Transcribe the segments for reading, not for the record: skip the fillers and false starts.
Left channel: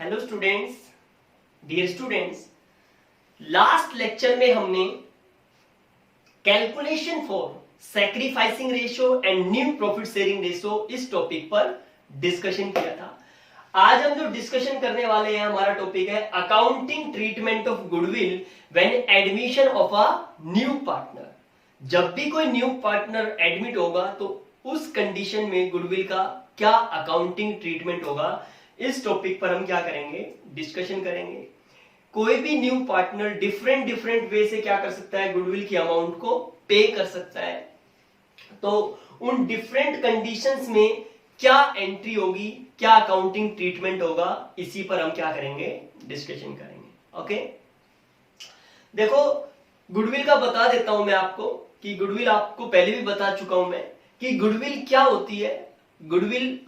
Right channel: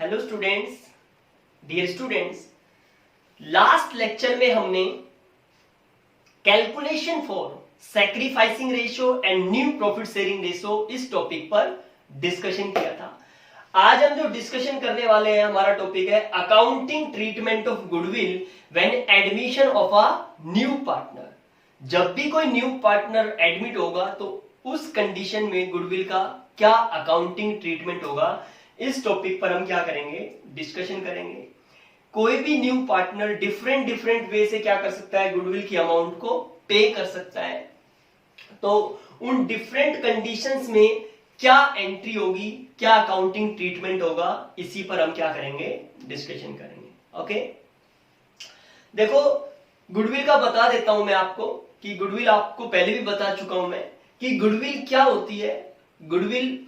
Hello students, dear students, last lecture में हमने calculation for sacrificing ratio and new profit sharing ratio इस topic पर discussion किया था। आज हम जो डिस्कशन करने वाले हैं, हमारा टॉपिक है accounting treatment of goodwill when admission of a new partner. जब भी कोई न्यू पार्टनर एडमिट होगा तो उस कंडीशन में गुडविल का क्या अकाउंटिंग ट्रीटमेंट होगा, इस टॉपिक पर हम क्या करेंगे, डिस्कशन करेंगे। कोई भी न्यू पार्टनर डिफरेंट वे से क्या कर सकता है, गुडविल की अमाउंट को पे कर सकता है। तो उन डिफरेंट कंडीशंस में क्या एंट्री होगी, क्या अकाउंटिंग ट्रीटमेंट होगा, इसी पर हम क्या करेंगे, डिस्कशन करेंगे। ओके, देखो गुडविल का बता देता हूं मैं आपको कि गुडविल आपको पहले भी बता चुका हूं मैं कि गुडविल क्या होती है। गुडविल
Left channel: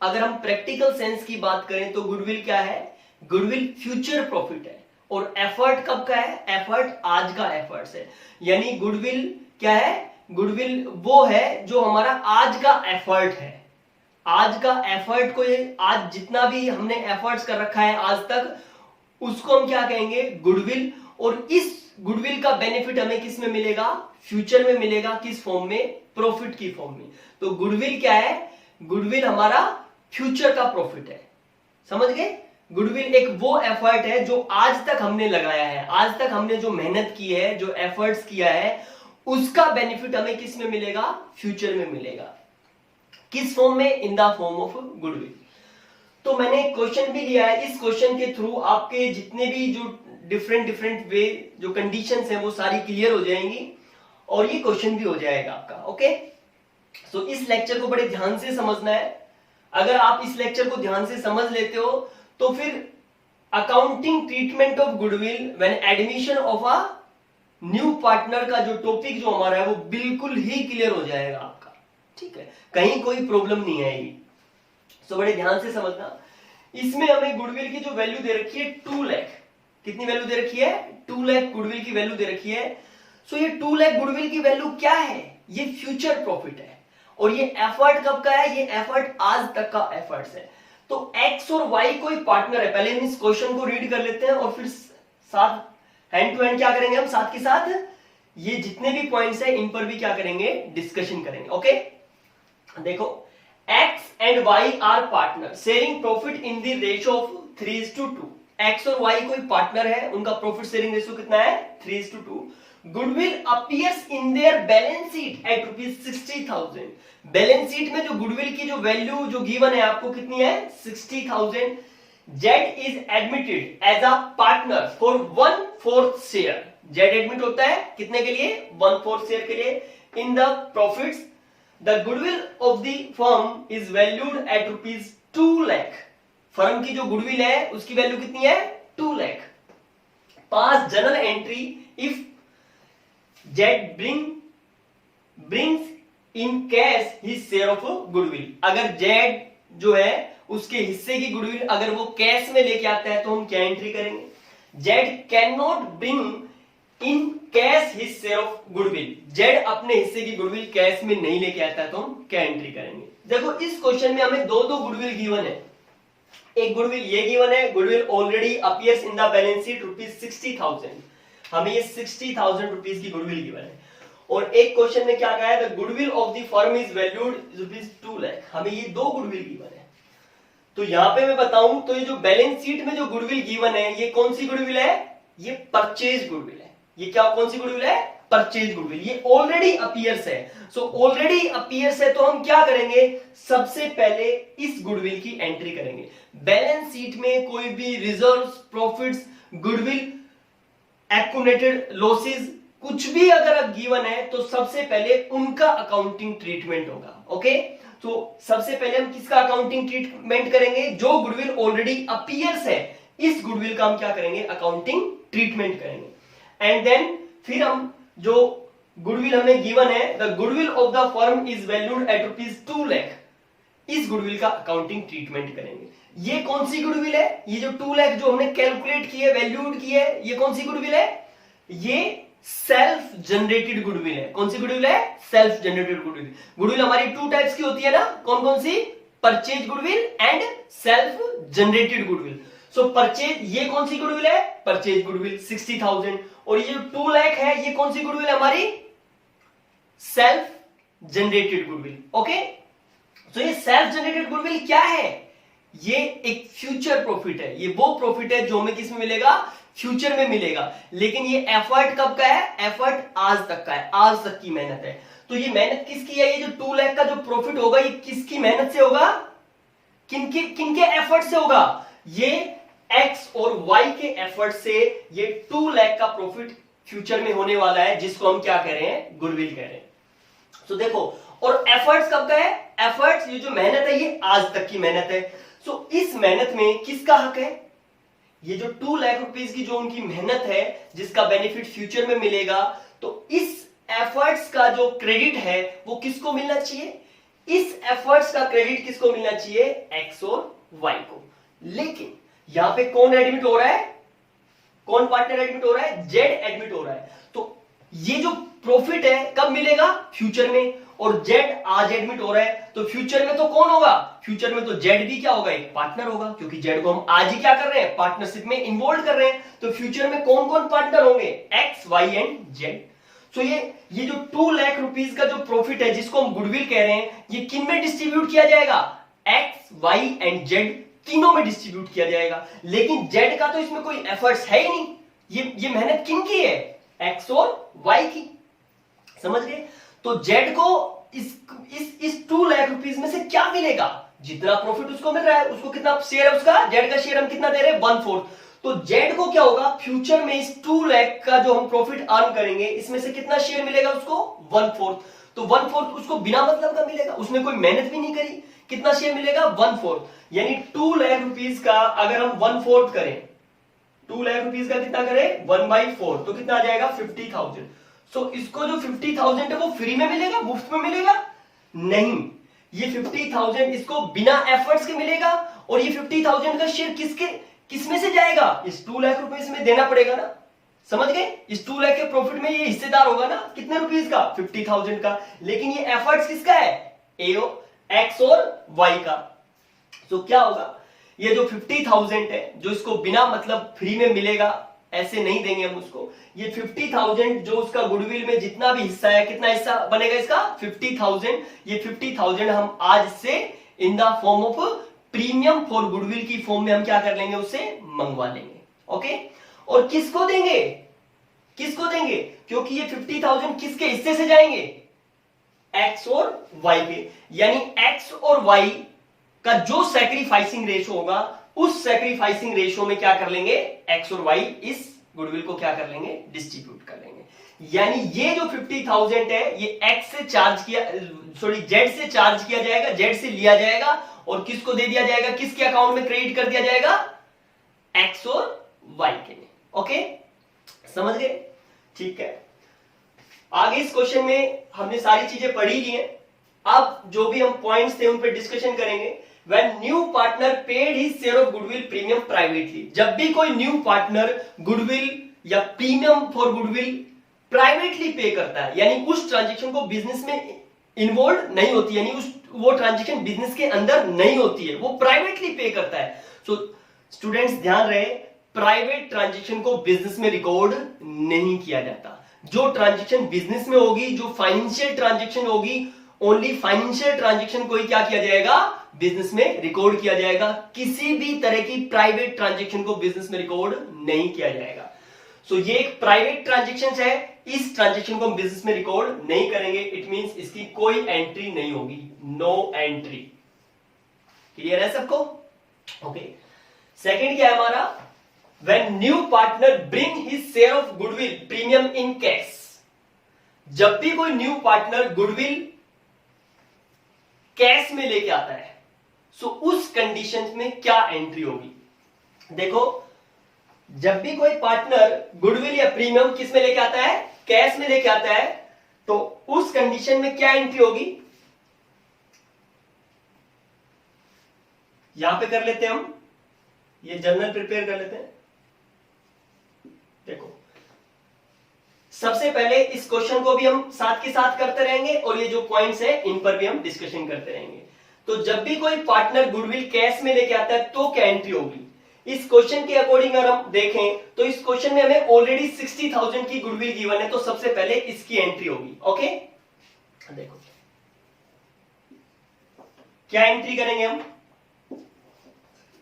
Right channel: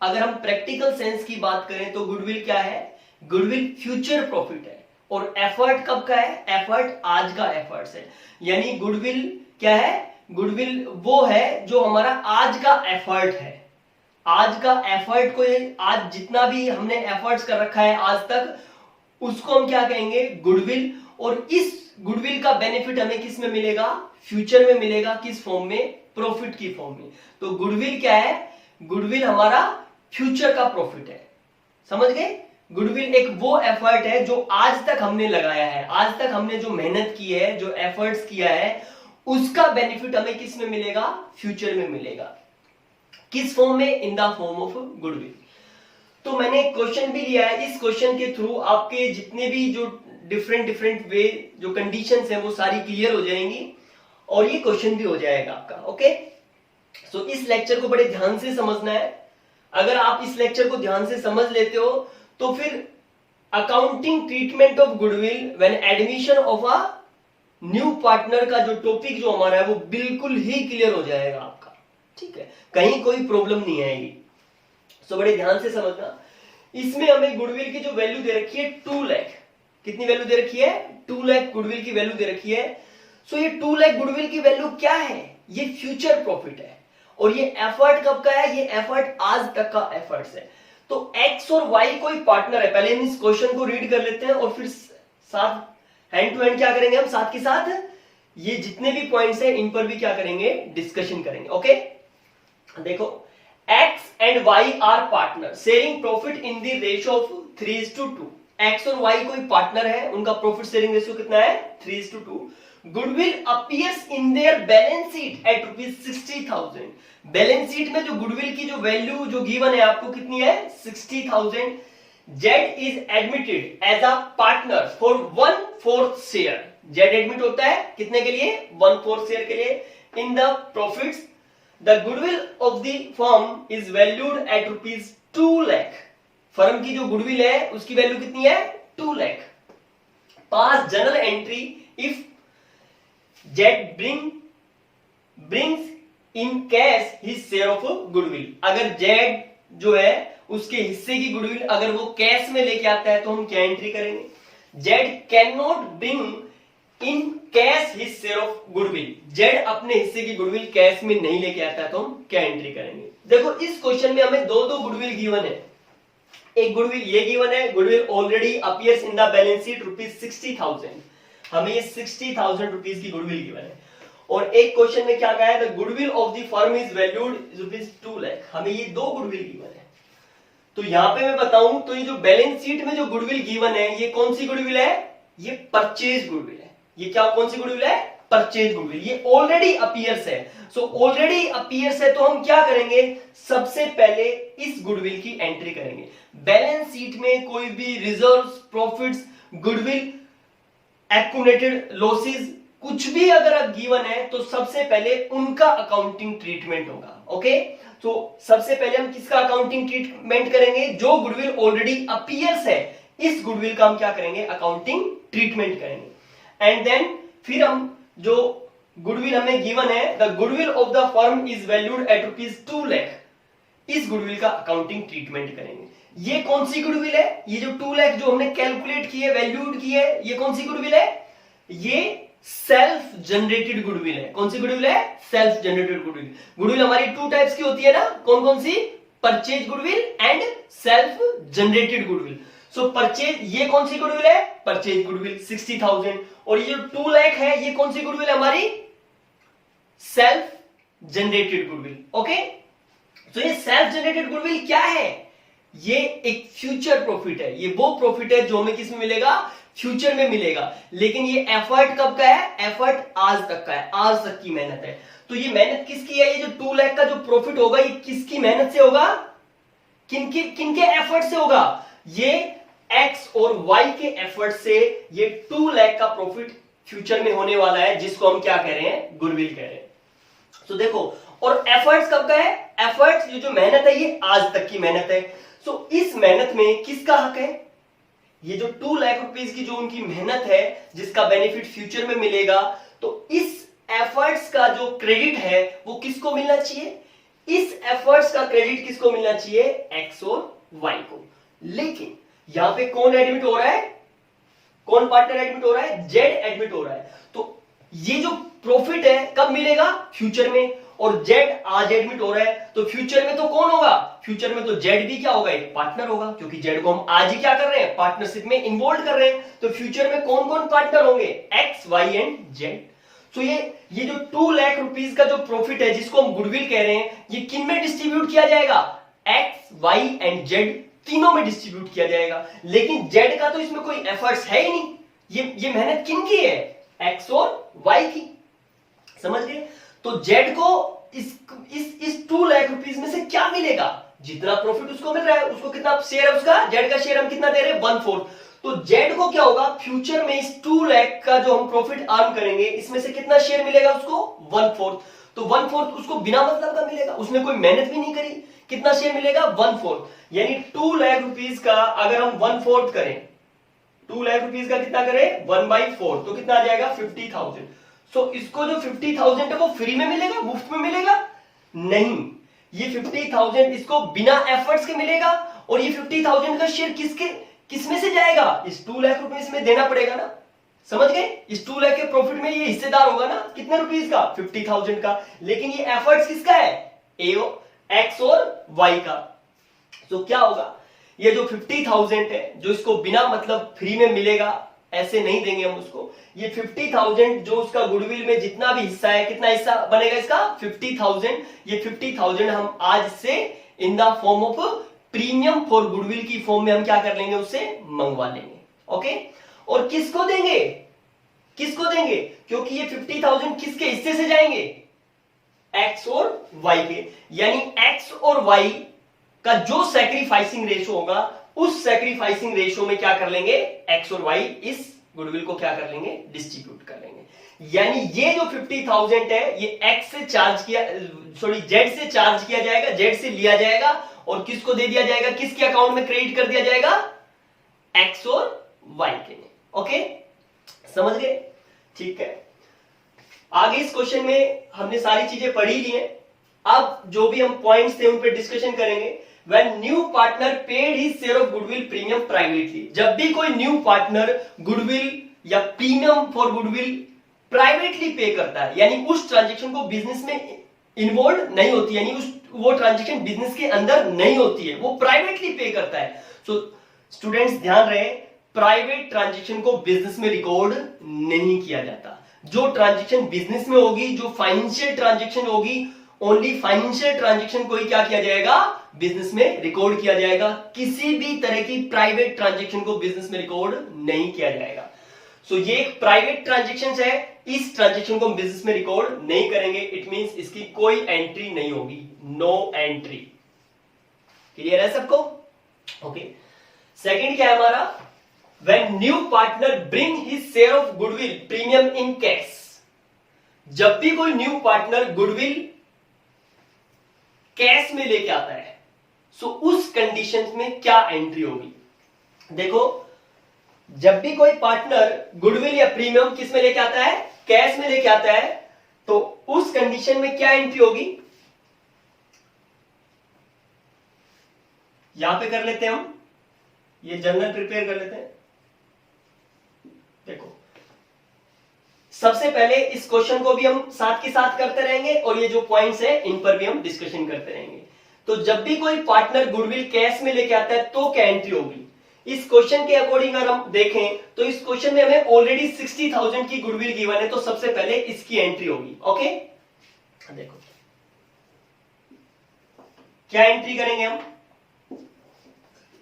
अगर हम प्रैक्टिकल सेंस की बात करें तो गुडविल क्या है, गुडविल फ्यूचर प्रॉफिट है। और एफर्ट कब का है, एफर्ट आज का एफर्ट्स है। यानी गुडविल क्या है, गुडविल वो है जो हमारा आज का एफर्ट है। आज का एफर्ट को, आज जितना भी हमने एफर्ट्स कर रखा है आज तक, उसको हम क्या कहेंगे, गुडविल। और इस गुडविल का बेनिफिट हमें किस में मिलेगा, फ्यूचर में मिलेगा। किस फॉर्म में, प्रॉफिट की फॉर्म में। तो गुडविल क्या है, गुडविल हमारा फ्यूचर का प्रॉफिट है। समझ गए, गुडविल एक वो एफर्ट है जो आज तक हमने लगाया है, आज तक हमने जो मेहनत की है, जो एफर्ट्स किया है, उसका बेनिफिट हमें किस में मिलेगा, फ्यूचर में मिलेगा। किस फॉर्म में, in the form of goodwill. तो मैंने क्वेश्चन भी लिया है, इस क्वेश्चन के थ्रू आपके जितने भी जो डिफरेंट वे जो कंडीशंस है वो सारी क्लियर हो जाएंगी और ये क्वेश्चन भी हो जाएगा आपका। ओके, सो इस लेक्चर को बड़े ध्यान से समझना है। अगर आप इस लेक्चर को ध्यान से समझ लेते हो तो फिर accounting treatment of goodwill when admission of a new partner का जो टॉपिक जो हमारा है वो बिल्कुल ही क्लियर हो जाएगा आपका। ठीक है, कहीं कोई प्रॉब्लम नहीं आएगी। सो बड़े ध्यान से समझना। इसमें हमें गुडविल की जो वैल्यू दे रखी है 2 लाख। कितनी वैल्यू दे रखी है, 2 लाख गुडविल की वैल्यू दे रखी है। सो ये 2 लाख गुडविल की वैल्यू क्या है, ये फ्यूचर प्रॉफिट है। और ये एफर्ट कब का है, ये एफर्ट आज तक का एफर्ट्स है। तो एक्स और वाई कोई पार्टनर है। पहले हम इस क्वेश्चन को रीड कर लेते हैं और फिर साथ हैंड टू हैंड क्या करेंगे, हम साथ के साथ ये जितने भी पॉइंट्स हैं इन पर भी क्या करेंगे, डिस्कशन करेंगे। ओके, देखो X and Y are partner sharing profit in the ratio of 3:2। X और वाई कोई पार्टनर है, उनका प्रॉफिट शेयरिंग रेशियो कितना है, 3:2। Goodwill appears in their balance sheet at ₹60,000। Balance sheet में जो गुडविल की जो वैल्यू जो गिवन है आपको कितनी है, 60,000। Z is admitted as a partner for 1/4 share. Z admit होता है कितने के लिए, 1/4 शेयर के लिए in the profits. The goodwill of the firm is valued at ₹2 lakh. Firm की जो गुडविल है उसकी वैल्यू कितनी है, 2 lakh. Pass journal entry if Z brings in cash his share of goodwill. अगर जेड जो है उसके हिस्से की गुडविल अगर वो कैश में लेके आता है तो हम क्या एंट्री करेंगे, Z can not bring in cash his share of goodwill. Z अपने हिस्से की गुडविल कैश में नहीं लेके आता है तो हम क्या एंट्री करेंगे। देखो इस क्वेश्चन में हमें दो गुडविल गिवन है। एक गुडविल ये गिवन है, goodwill already appears in the balance sheet ₹60,000। हमें ये 60,000 रुपीज की गुडविल गिवन है। और एक क्वेश्चन में क्या कहा है, the goodwill of the firm is valued ₹2 lakh. हमें ये 2 गुडविल गिवन है। तो यहां पे मैं बताऊं तो ये जो बैलेंस शीट में जो गुडविल गिवन है, ये कौन सी गुडविल है, ये परचेज गुडविल है। ये क्या, कौन सी गुडविल है, परचेज गुडविल। ये ऑलरेडी अपीयर्स है। सो ऑलरेडी अपीयर्स है तो हम क्या करेंगे, सबसे पहले इस गुडविल की एंट्री करेंगे। बैलेंस शीट में कोई भी reserves, profits, goodwill, accumulated losses कुछ भी अगर गिवन है तो सबसे पहले उनका अकाउंटिंग ट्रीटमेंट होगा। ओके, तो सबसे पहले हम किसका अकाउंटिंग ट्रीटमेंट करेंगे, जो गुडविल ऑलरेडी अपीयर्स है, इस गुडविल का हम क्या करेंगे, अकाउंटिंग ट्रीटमेंट करेंगे। एंड देन फिर हम जो गुडविल हमें गिवन है, the goodwill of the firm is valued at ₹2 lakh, इस गुडविल का अकाउंटिंग ट्रीटमेंट करेंगे। ये कौन सी गुडविल है, ये जो 2 लाख जो हमने कैलकुलेट की है, वैल्यूड की है, ये कौन सी गुडविल है, ये सेल्फ जनरेटेड गुडविल है। कौन सी गुडविल है, सेल्फ जनरेटेड गुडविल। गुडविल हमारी 2 टाइप्स की होती है ना, कौन कौन सी, purchase goodwill and self generated goodwill. So purchase, ये कौन सी गुडविल है? Purchase goodwill 60,000। और ये जो 2 लाख है ये कौन सी गुडविल है? हमारी सेल्फ जनरेटेड गुडविल। ओके, तो ये सेल्फ जनरेटेड गुडविल क्या है? ये एक फ्यूचर प्रॉफिट है। ये वो प्रॉफिट है जो हमें किस में मिलेगा? फ्यूचर में मिलेगा। लेकिन ये एफर्ट कब का है? एफर्ट आज तक का है, आज तक की मेहनत है। तो ये मेहनत किसकी है? ये जो 2 लाख का जो प्रॉफिट होगा ये किसकी मेहनत से होगा? किनके एफर्ट से होगा? ये एक्स और वाई के एफर्ट से ये 2 लाख का प्रॉफिट फ्यूचर में होने वाला है, जिसको हम क्या कह रहे हैं? गुडविल कह रहे हैं। तो देखो, और एफर्ट्स कब का है? एफर्ट्स, ये जो मेहनत है ये आज तक की मेहनत है। सो इस मेहनत में किसका हक है? ये जो 2 लाख रुपीस की जो उनकी मेहनत है जिसका बेनिफिट फ्यूचर में मिलेगा, तो इस एफर्ट्स का जो क्रेडिट है वो किसको मिलना चाहिए? इस एफर्ट्स का क्रेडिट किसको मिलना चाहिए? एक्स और वाई को। लेकिन यहां पे कौन एडमिट हो रहा है? कौन पार्टनर एडमिट हो रहा है? जेड एडमिट हो रहा है। तो ये जो प्रॉफिट है कब मिलेगा? फ्यूचर में। और जेड आज एडमिट हो रहा है, तो फ्यूचर में तो कौन होगा? फ्यूचर में तो जेड भी क्या होगा? एक पार्टनर होगा, क्योंकि जेड को हम आज ही क्या कर रहे हैं? पार्टनरशिप में इन्वॉल्व कर रहे हैं। तो फ्यूचर में कौन कौन पार्टनर होंगे? X, Y and Z. तो ये जो 2 लाख रुपीस का जो प्रॉफिट है जिसको हम गुडविल कह रहे हैं, ये किन में डिस्ट्रीब्यूट किया जाएगा? एक्स, वाई एंड जेड तीनों में डिस्ट्रीब्यूट किया जाएगा। लेकिन जेड का तो इसमें कोई एफर्ट्स है ही नहीं। ये मेहनत किन की है? एक्स और वाई की। समझ गए? तो जेड को इस 2 लाख रुपीस में से क्या मिलेगा? जितना प्रॉफिट उसको मिल रहा है, उसको कितना शेयर है उसका? जेड का शेयर हम कितना दे रहे हैं? 1/4। तो जेड को क्या होगा? फ्यूचर में इस 2 लाख का जो हम प्रॉफिट अर्न करेंगे, इसमें से कितना शेयर मिलेगा उसको? 1/4। तो 1/4 उसको बिना मतलब का मिलेगा, उसने कोई मेहनत भी नहीं करी। कितना शेयर मिलेगा? 1/4। यानी 2 लाख रुपीस का अगर हम 1/4 करें, 2 लाख रुपीस का कितना करें? 1/4, तो कितना आ जाएगा? 50,000। सो इसको जो 50,000 है वो फ्री में मिलेगा, मुफ्त में मिलेगा? नहीं, ये 50,000 इसको बिना एफर्ट्स के मिलेगा। और ये 50,000 का शेयर किसमें से जाएगा? इस 2 लाख रुपीस में देना पड़ेगा ना। समझ गए? इस 2 लाख के प्रॉफिट में ये हिस्सेदार होगा ना। कितने रुपीस का? 50,000 का। लेकिन ये एफर्ट्स किसका है? एक्स और वाई का। तो क्या होगा? ये जो 50,000 है जो इसको बिना मतलब फ्री में मिलेगा, ऐसे नहीं देंगे हम उसको। ये 50,000 जो उसका गुडविल में जितना भी हिस्सा है, कितना हिस्सा बनेगा इसका? 50,000। ये 50,000 हम आज से in the form of premium for goodwill की फॉर्म में हम क्या कर लेंगे? उससे मंगवा लेंगे। ओके, और किसको देंगे? किसको देंगे? क्योंकि ये 50,000 किसके हिस्से से जाएंगे? एक्स और वाई के। यानी एक्स और वाई का जो सैक्रिफाइसिंग रेशो होगा, उस सैक्रिफाइसिंग रेशो में क्या कर लेंगे? एक्स और वाई इस गुडविल को क्या कर लेंगे? डिस्ट्रीब्यूट कर लेंगे। यानी ये जो 50,000 है ये एक्स से चार्ज किया, सॉरी जेड से चार्ज किया जाएगा, जेड से लिया जाएगा और किसको दे दिया जाएगा? किसके अकाउंट में क्रेडिट कर दिया जाएगा? एक्स और वाई के लिए। ओके, समझ गए? ठीक है, आगे इस क्वेश्चन में हमने सारी चीजें पढ़ी ली हैं। अब जो भी हम पॉइंट्स थे उन पर डिस्कशन करेंगे। When new partner paid his share of goodwill premium privately, जब भी कोई न्यू पार्टनर गुडविल या प्रीमियम फॉर गुडविल प्राइवेटली पे करता है, यानी उस ट्रांजेक्शन को बिजनेस में इन्वॉल्व नहीं होती, यानी वो ट्रांजेक्शन बिजनेस के अंदर नहीं होती है, वो प्राइवेटली पे करता है। सो स्टूडेंट्स ध्यान रहे, प्राइवेट ट्रांजेक्शन को बिजनेस में रिकॉर्ड नहीं किया जाता। जो ट्रांजेक्शन बिजनेस में होगी, जो फाइनेंशियल ट्रांजेक्शन होगी, ओनली फाइनेंशियल ट्रांजेक्शन को ही क्या किया जाएगा? बिजनेस में रिकॉर्ड किया जाएगा। किसी भी तरह की प्राइवेट ट्रांजेक्शन को बिजनेस में रिकॉर्ड नहीं किया जाएगा। सो ये एक प्राइवेट ट्रांजेक्शन है, इस ट्रांजेक्शन को हम बिजनेस में रिकॉर्ड नहीं करेंगे। इट मींस इसकी कोई एंट्री नहीं होगी, नो एंट्री। क्लियर है सबको? ओके, सेकंड क्या है हमारा? When new partner bring his share of goodwill premium in cash, जब भी कोई न्यू पार्टनर गुडविल कैश में लेके आता है, सो उस कंडीशन में क्या एंट्री होगी? देखो, जब भी कोई पार्टनर गुडविल या प्रीमियम किस में लेके आता है? कैश में लेके आता है, तो उस कंडीशन में क्या एंट्री होगी? यहां पे कर लेते हैं हम, ये जर्नल प्रिपेयर कर लेते हैं। देखो, सबसे पहले इस क्वेश्चन को भी हम साथ के साथ करते रहेंगे और ये जो पॉइंट्स है इन पर भी हम डिस्कशन करते रहेंगे। तो जब भी कोई पार्टनर गुडविल कैश में लेके आता है तो क्या एंट्री होगी? इस क्वेश्चन के अकॉर्डिंग अगर हम देखें तो इस क्वेश्चन में हमें ऑलरेडी 60,000 की गुडविल गिवन है, तो सबसे पहले इसकी एंट्री होगी। ओके, देखो क्या एंट्री करेंगे हम।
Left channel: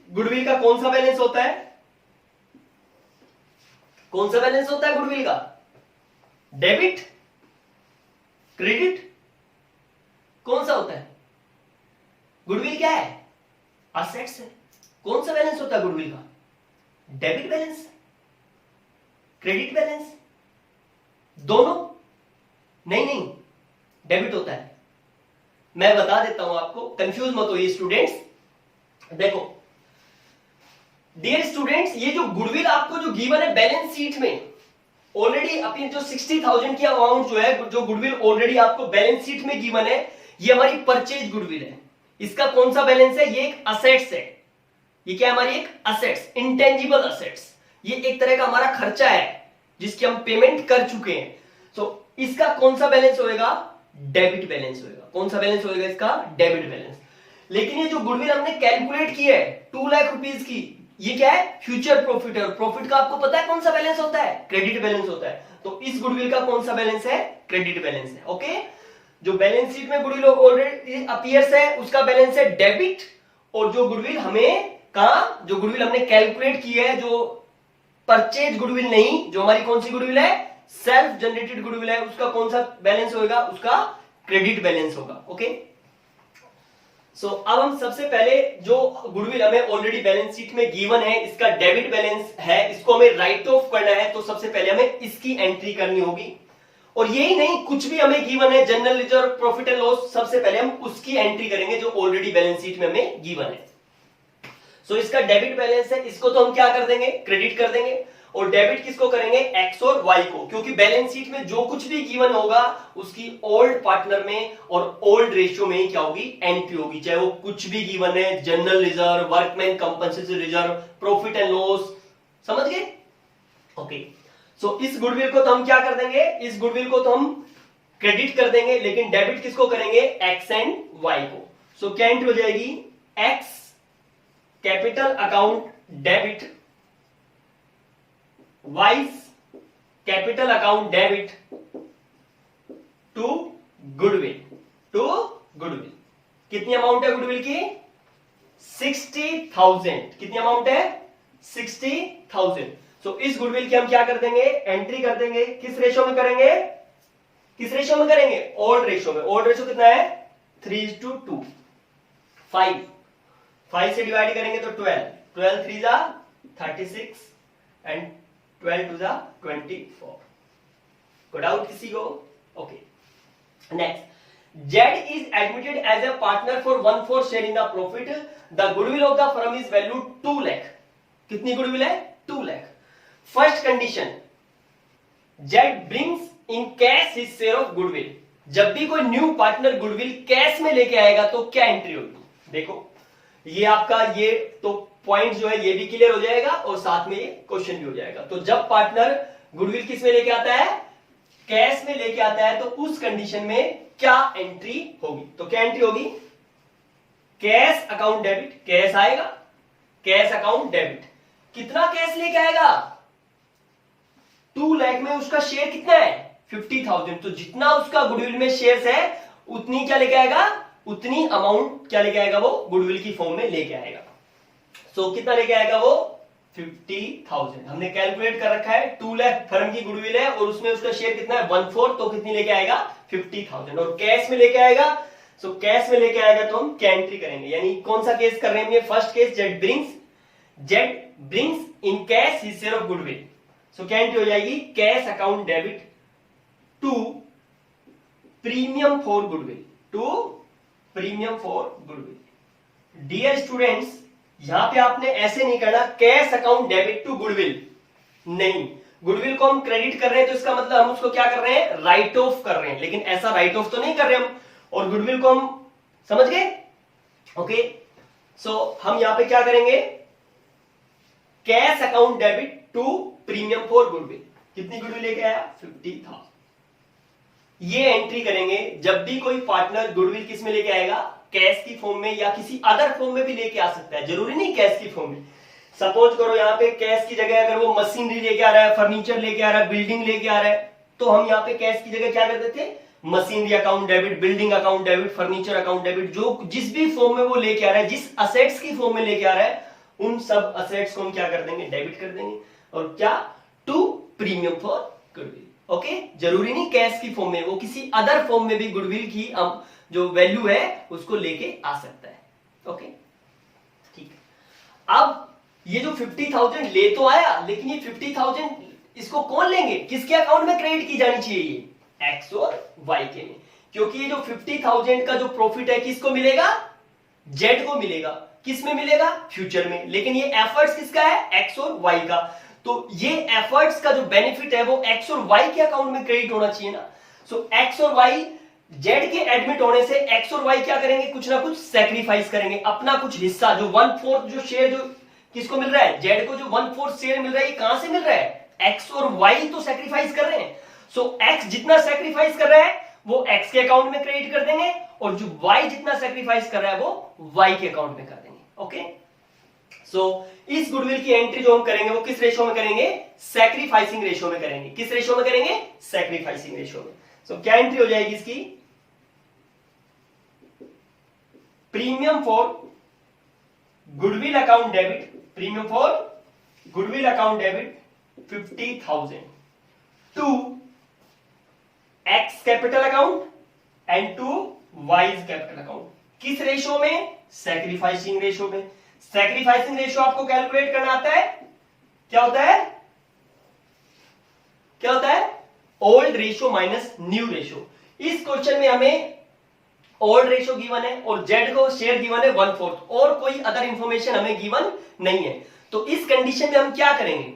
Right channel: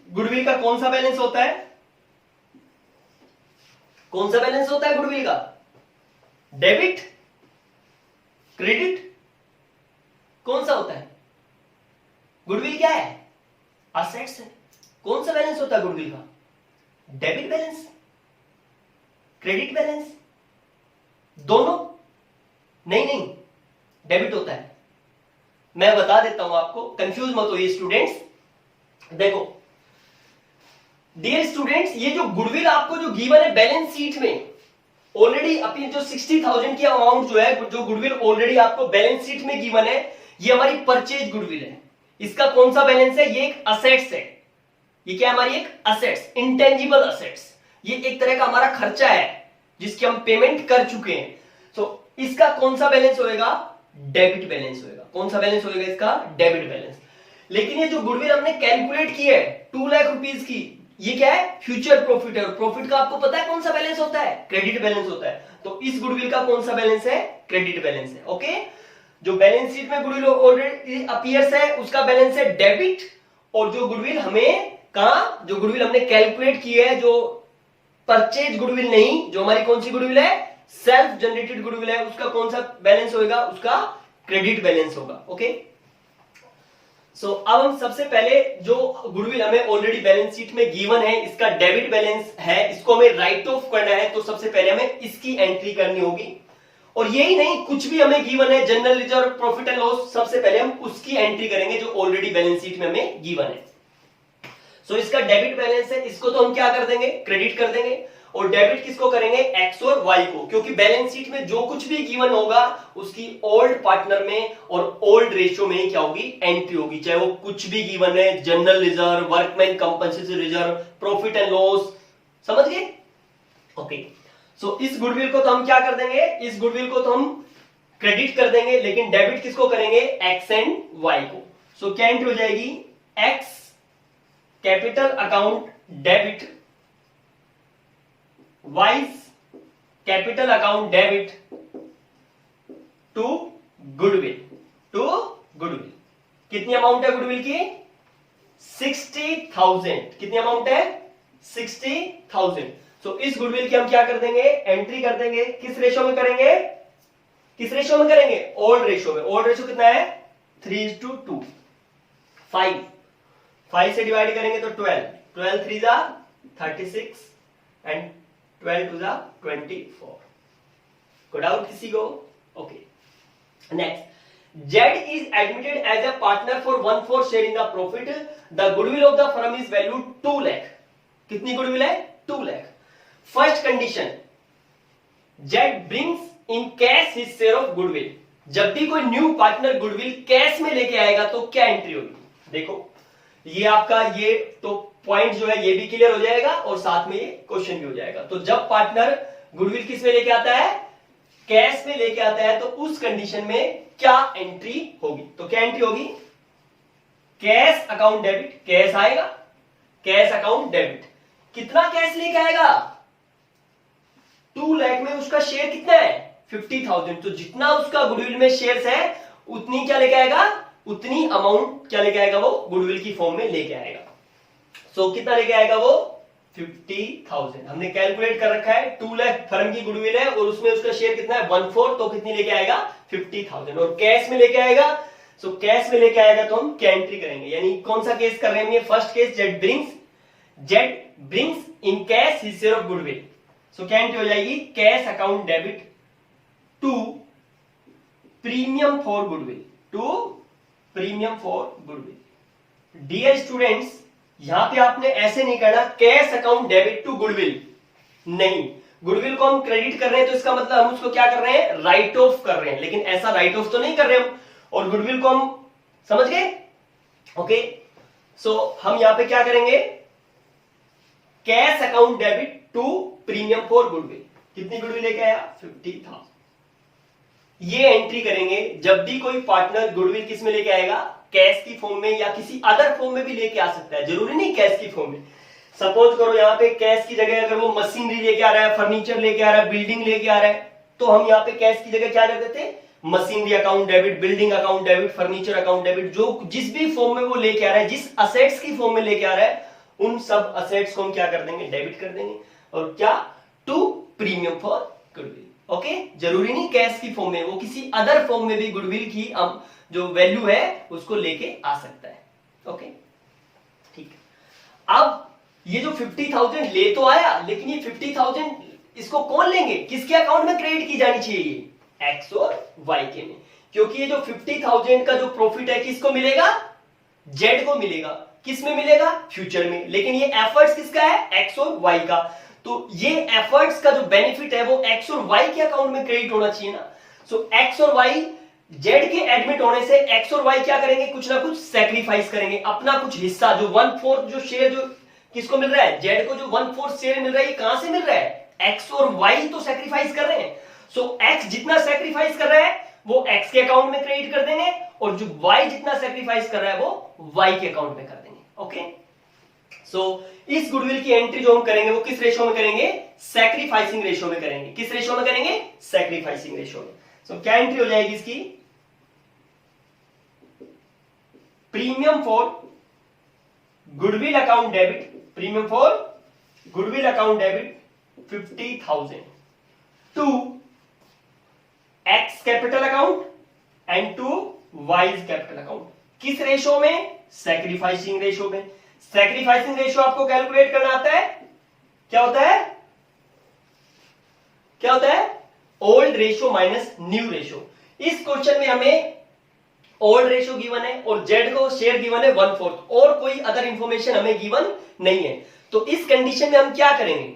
गुडविल का कौन सा बैलेंस होता है, कौन सा बैलेंस होता है गुडविल का? डेबिट, क्रेडिट, कौन सा होता है? गुडविल क्या है? असेट्स है। कौन सा बैलेंस होता है गुडविल का? डेबिट बैलेंस, क्रेडिट बैलेंस, दोनों? नहीं नहीं, डेबिट होता है। मैं बता देता हूं आपको, कंफ्यूज मत होइए स्टूडेंट्स। देखो डियर स्टूडेंट्स, ये जो गुडविल आपको जो गिवन है बैलेंस शीट में, ऑलरेडी अपनी जो 60,000 की अमाउंट जो है, जो गुडविल ऑलरेडी आपको बैलेंस शीट में गिवन है, ये हमारी परचेज गुडविल है। इसका कौन सा बैलेंस है? ये एक असेट्स है। ये क्या हमारी एक असेट्स, इंटेंजिबल असेट्स। ये एक तरह का हमारा खर्चा है जिसकी हम पेमेंट कर चुके हैं। तो इसका कौन सा बैलेंस होएगा? डेबिट बैलेंस होएगा। कौन सा बैलेंस होएगा इसका? Debit balance. लेकिन ये जो गुडविल हमने कैलकुलेट की है 2 लाख रुपीज की, ये क्या है? फ्यूचर प्रॉफिट है। और प्रॉफिट का आपको पता है कौन सा बैलेंस होता है? क्रेडिट बैलेंस होता है। तो इस गुडविल का कौन सा बैलेंस है? क्रेडिट बैलेंस है। ओके, जो बैलेंस शीट में गुडविल ऑलरेडी अपीयर्स है उसका बैलेंस है डेबिट, और जो गुडविल हमें कहा, जो गुडविल हमने कैलकुलेट की है, जो परचेज गुडविल नहीं, जो हमारी कौन सी गुडविल है? सेल्फ जनरेटेड गुडविल है, उसका कौन सा बैलेंस होगा? उसका क्रेडिट बैलेंस होगा। ओके, सो अब हम सबसे पहले जो गुडविल हमें ऑलरेडी बैलेंस शीट में गिवन है, इसका डेबिट बैलेंस है, इसको हमें राइट ऑफ करना है। तो सबसे पहले हमें इसकी एंट्री करनी होगी। और यही नहीं, कुछ भी हमें गिवन है, general reserve, profit and loss, सबसे पहले हम उसकी एंट्री करेंगे जो ऑलरेडी बैलेंस शीट में हमें गिवन है। सो इसका डेबिट बैलेंस है, इसको तो हम क्या कर देंगे? क्रेडिट कर देंगे। और डेबिट किसको करेंगे? एक्स और वाई को, क्योंकि बैलेंस शीट में जो कुछ भी गिवन होगा उसकी ओल्ड पार्टनर में और ओल्ड रेशियो में क्या होगी? एंट्री होगी, चाहे वो कुछ भी गिवन है, general reserve, workman compensatory reserve, profit and loss. समझ गए? ओके, सो इस गुडविल को तो हम क्या कर देंगे? इस गुडविल को तो हम क्रेडिट कर देंगे, लेकिन डेबिट किसको करेंगे? एक्स एंड वाई को। सो क्या एंट्री हो जाएगी? X capital account debit, Y's capital account debit to goodwill, to goodwill. कितनी अमाउंट है गुडविल की? 60,000। कितनी अमाउंट है? 60,000। सो इस गुडविल की हम क्या कर देंगे? एंट्री कर देंगे। किस रेशियो में करेंगे? किस रेशियो में करेंगे? ओल्ड रेशियो में। ओल्ड रेशियो कितना है? 3:2। 5 से डिवाइड करेंगे तो 12, 12 3 जा 36 एंड 12 2 जा 24। को डाउट किसी को? Okay, next, Z is admitted as a partner for 1/4 share in the profit. The goodwill of the firm is valued 2 lakh. कितनी गुडविल है? 2 lakh. First condition, Z brings in cash his share of goodwill. जब भी कोई new partner goodwill cash में लेके आएगा तो क्या एंट्री होगी? देखो ये आपका ये तो पॉइंट जो है ये भी क्लियर हो जाएगा और साथ में ये क्वेश्चन भी हो जाएगा। तो जब पार्टनर गुडविल किस में लेके आता है? कैश में लेके आता है, तो उस कंडीशन में क्या एंट्री होगी? तो क्या एंट्री होगी? Cash account debit. कैश आएगा, कैश अकाउंट डेबिट। कितना कैश लेके आएगा? 2 लाख में उसका शेयर कितना है? 50,000। तो जितना उसका गुडविल में शेयर्स है उतनी क्या लेके आएगा? उतनी अमाउंट क्या लेके आएगा? वो गुडविल की फॉर्म में लेके आएगा। सो कितना लेके आएगा वो? 50,000। हमने कैलकुलेट कर रखा है 2 लाख फर्म की गुडविल है और उसमें उसका शेयर कितना है? 1/4। तो कितनी लेके आएगा? 50,000। और कैश में लेके आएगा, सो कैश में लेके आएगा तो हम क्या एंट्री करेंगे? यानी कौन सा केस कर रहे हैं? First case, Z brings in cash his share of goodwill. So क्या एंट्री हो जाएगी? Cash account debit to premium for goodwill, to premium for goodwill. Dear students, यहां पे आपने ऐसे नहीं करना cash account debit to goodwill, नहीं। गुडविल को हम क्रेडिट कर रहे हैं तो इसका मतलब हम उसको क्या कर रहे हैं? राइट ऑफ कर रहे हैं, लेकिन ऐसा राइट ऑफ तो नहीं कर रहे हम। और गुडविल को हम समझ गए? ओके, सो हम यहां पे क्या करेंगे? Cash account debit to premium for goodwill. कितनी गुडविल लेके आया? 50,000। ये एंट्री करेंगे जब भी कोई पार्टनर गुडविल किस में लेके आएगा? कैश की फॉर्म में, या किसी अदर फॉर्म में भी लेके आ सकता है, जरूरी नहीं कैश की फॉर्म में। सपोज करो यहाँ पे कैश की जगह अगर वो मशीनरी लेके आ रहा है, फर्नीचर लेके आ रहा है, बिल्डिंग लेके आ रहा है, तो हम यहाँ पे कैश की जगह क्या करते थे, machinery account debit, building account debit, furniture account debit, जो जिस भी फॉर्म में वो लेके आ रहा है, जिस असेट्स की फॉर्म में लेके आ रहा है, उन सब असेट्स को हम क्या कर देंगे, डेबिट कर देंगे। और क्या, to premium for goodwill. Okay, जरूरी नहीं कैश की फॉर्म में, वो किसी अदर फॉर्म में भी गुडविल की जो वैल्यू है उसको लेके आ सकता है। ओके, ठीक है। अब ये जो 50,000 ले तो आया, लेकिन ये 50,000 इसको कौन लेंगे, किसके अकाउंट में क्रेडिट की जानी चाहिए, ये एक्स और वाई के में, क्योंकि ये जो 50,000 का जो प्रॉफिट है किसको मिलेगा, जेड को मिलेगा। किस में मिलेगा, फ्यूचर में। लेकिन ये एफर्ट्स किसका है, एक्स और वाई का। तो ये एफर्ट्स का जो बेनिफिट है वो एक्स और वाई के अकाउंट में क्रेडिट होना चाहिए ना। सो एक्स और वाई, जेड के एडमिट होने से एक्स और वाई क्या करेंगे, कुछ ना कुछ सैक्रिफाइस करेंगे, अपना कुछ हिस्सा, जो 1/4 जो शेयर जो किसको मिल रहा है, जेड को जो 1/4 शेयर मिल रहा है, ये कहां से मिल रहा है, एक्स और वाई तो सैक्रिफाइस कर रहे हैं। सो एक्स जितना सैक्रिफाइस कर रहा है वो एक्स के अकाउंट में क्रेडिट कर देंगे, और जो वाई जितना सैक्रिफाइस कर रहा है वो वाई के अकाउंट में कर देंगे। ओके, सो इस गुडविल की एंट्री जो हम करेंगे वो किस रेशो में करेंगे, सैक्रिफाइसिंग रेशो में करेंगे। किस रेशो में करेंगे, सैक्रिफाइसिंग रेशो में। सो क्या एंट्री हो जाएगी इसकी, premium for goodwill account debit, premium for goodwill account debit 50,000 to X capital account and to Y's capital account. किस रेशो में, सैक्रिफाइसिंग रेशो में। सैक्रिफाइसिंग रेशो आपको कैलकुलेट करना आता है, क्या होता है, क्या होता है, old ratio minus new ratio. इस क्वेश्चन में हमें ओल्ड रेशो गिवन है और जेड को शेयर गिवन है 1/4, और कोई अदर इंफॉर्मेशन हमें गिवन नहीं है। तो इस कंडीशन में हम क्या करेंगे,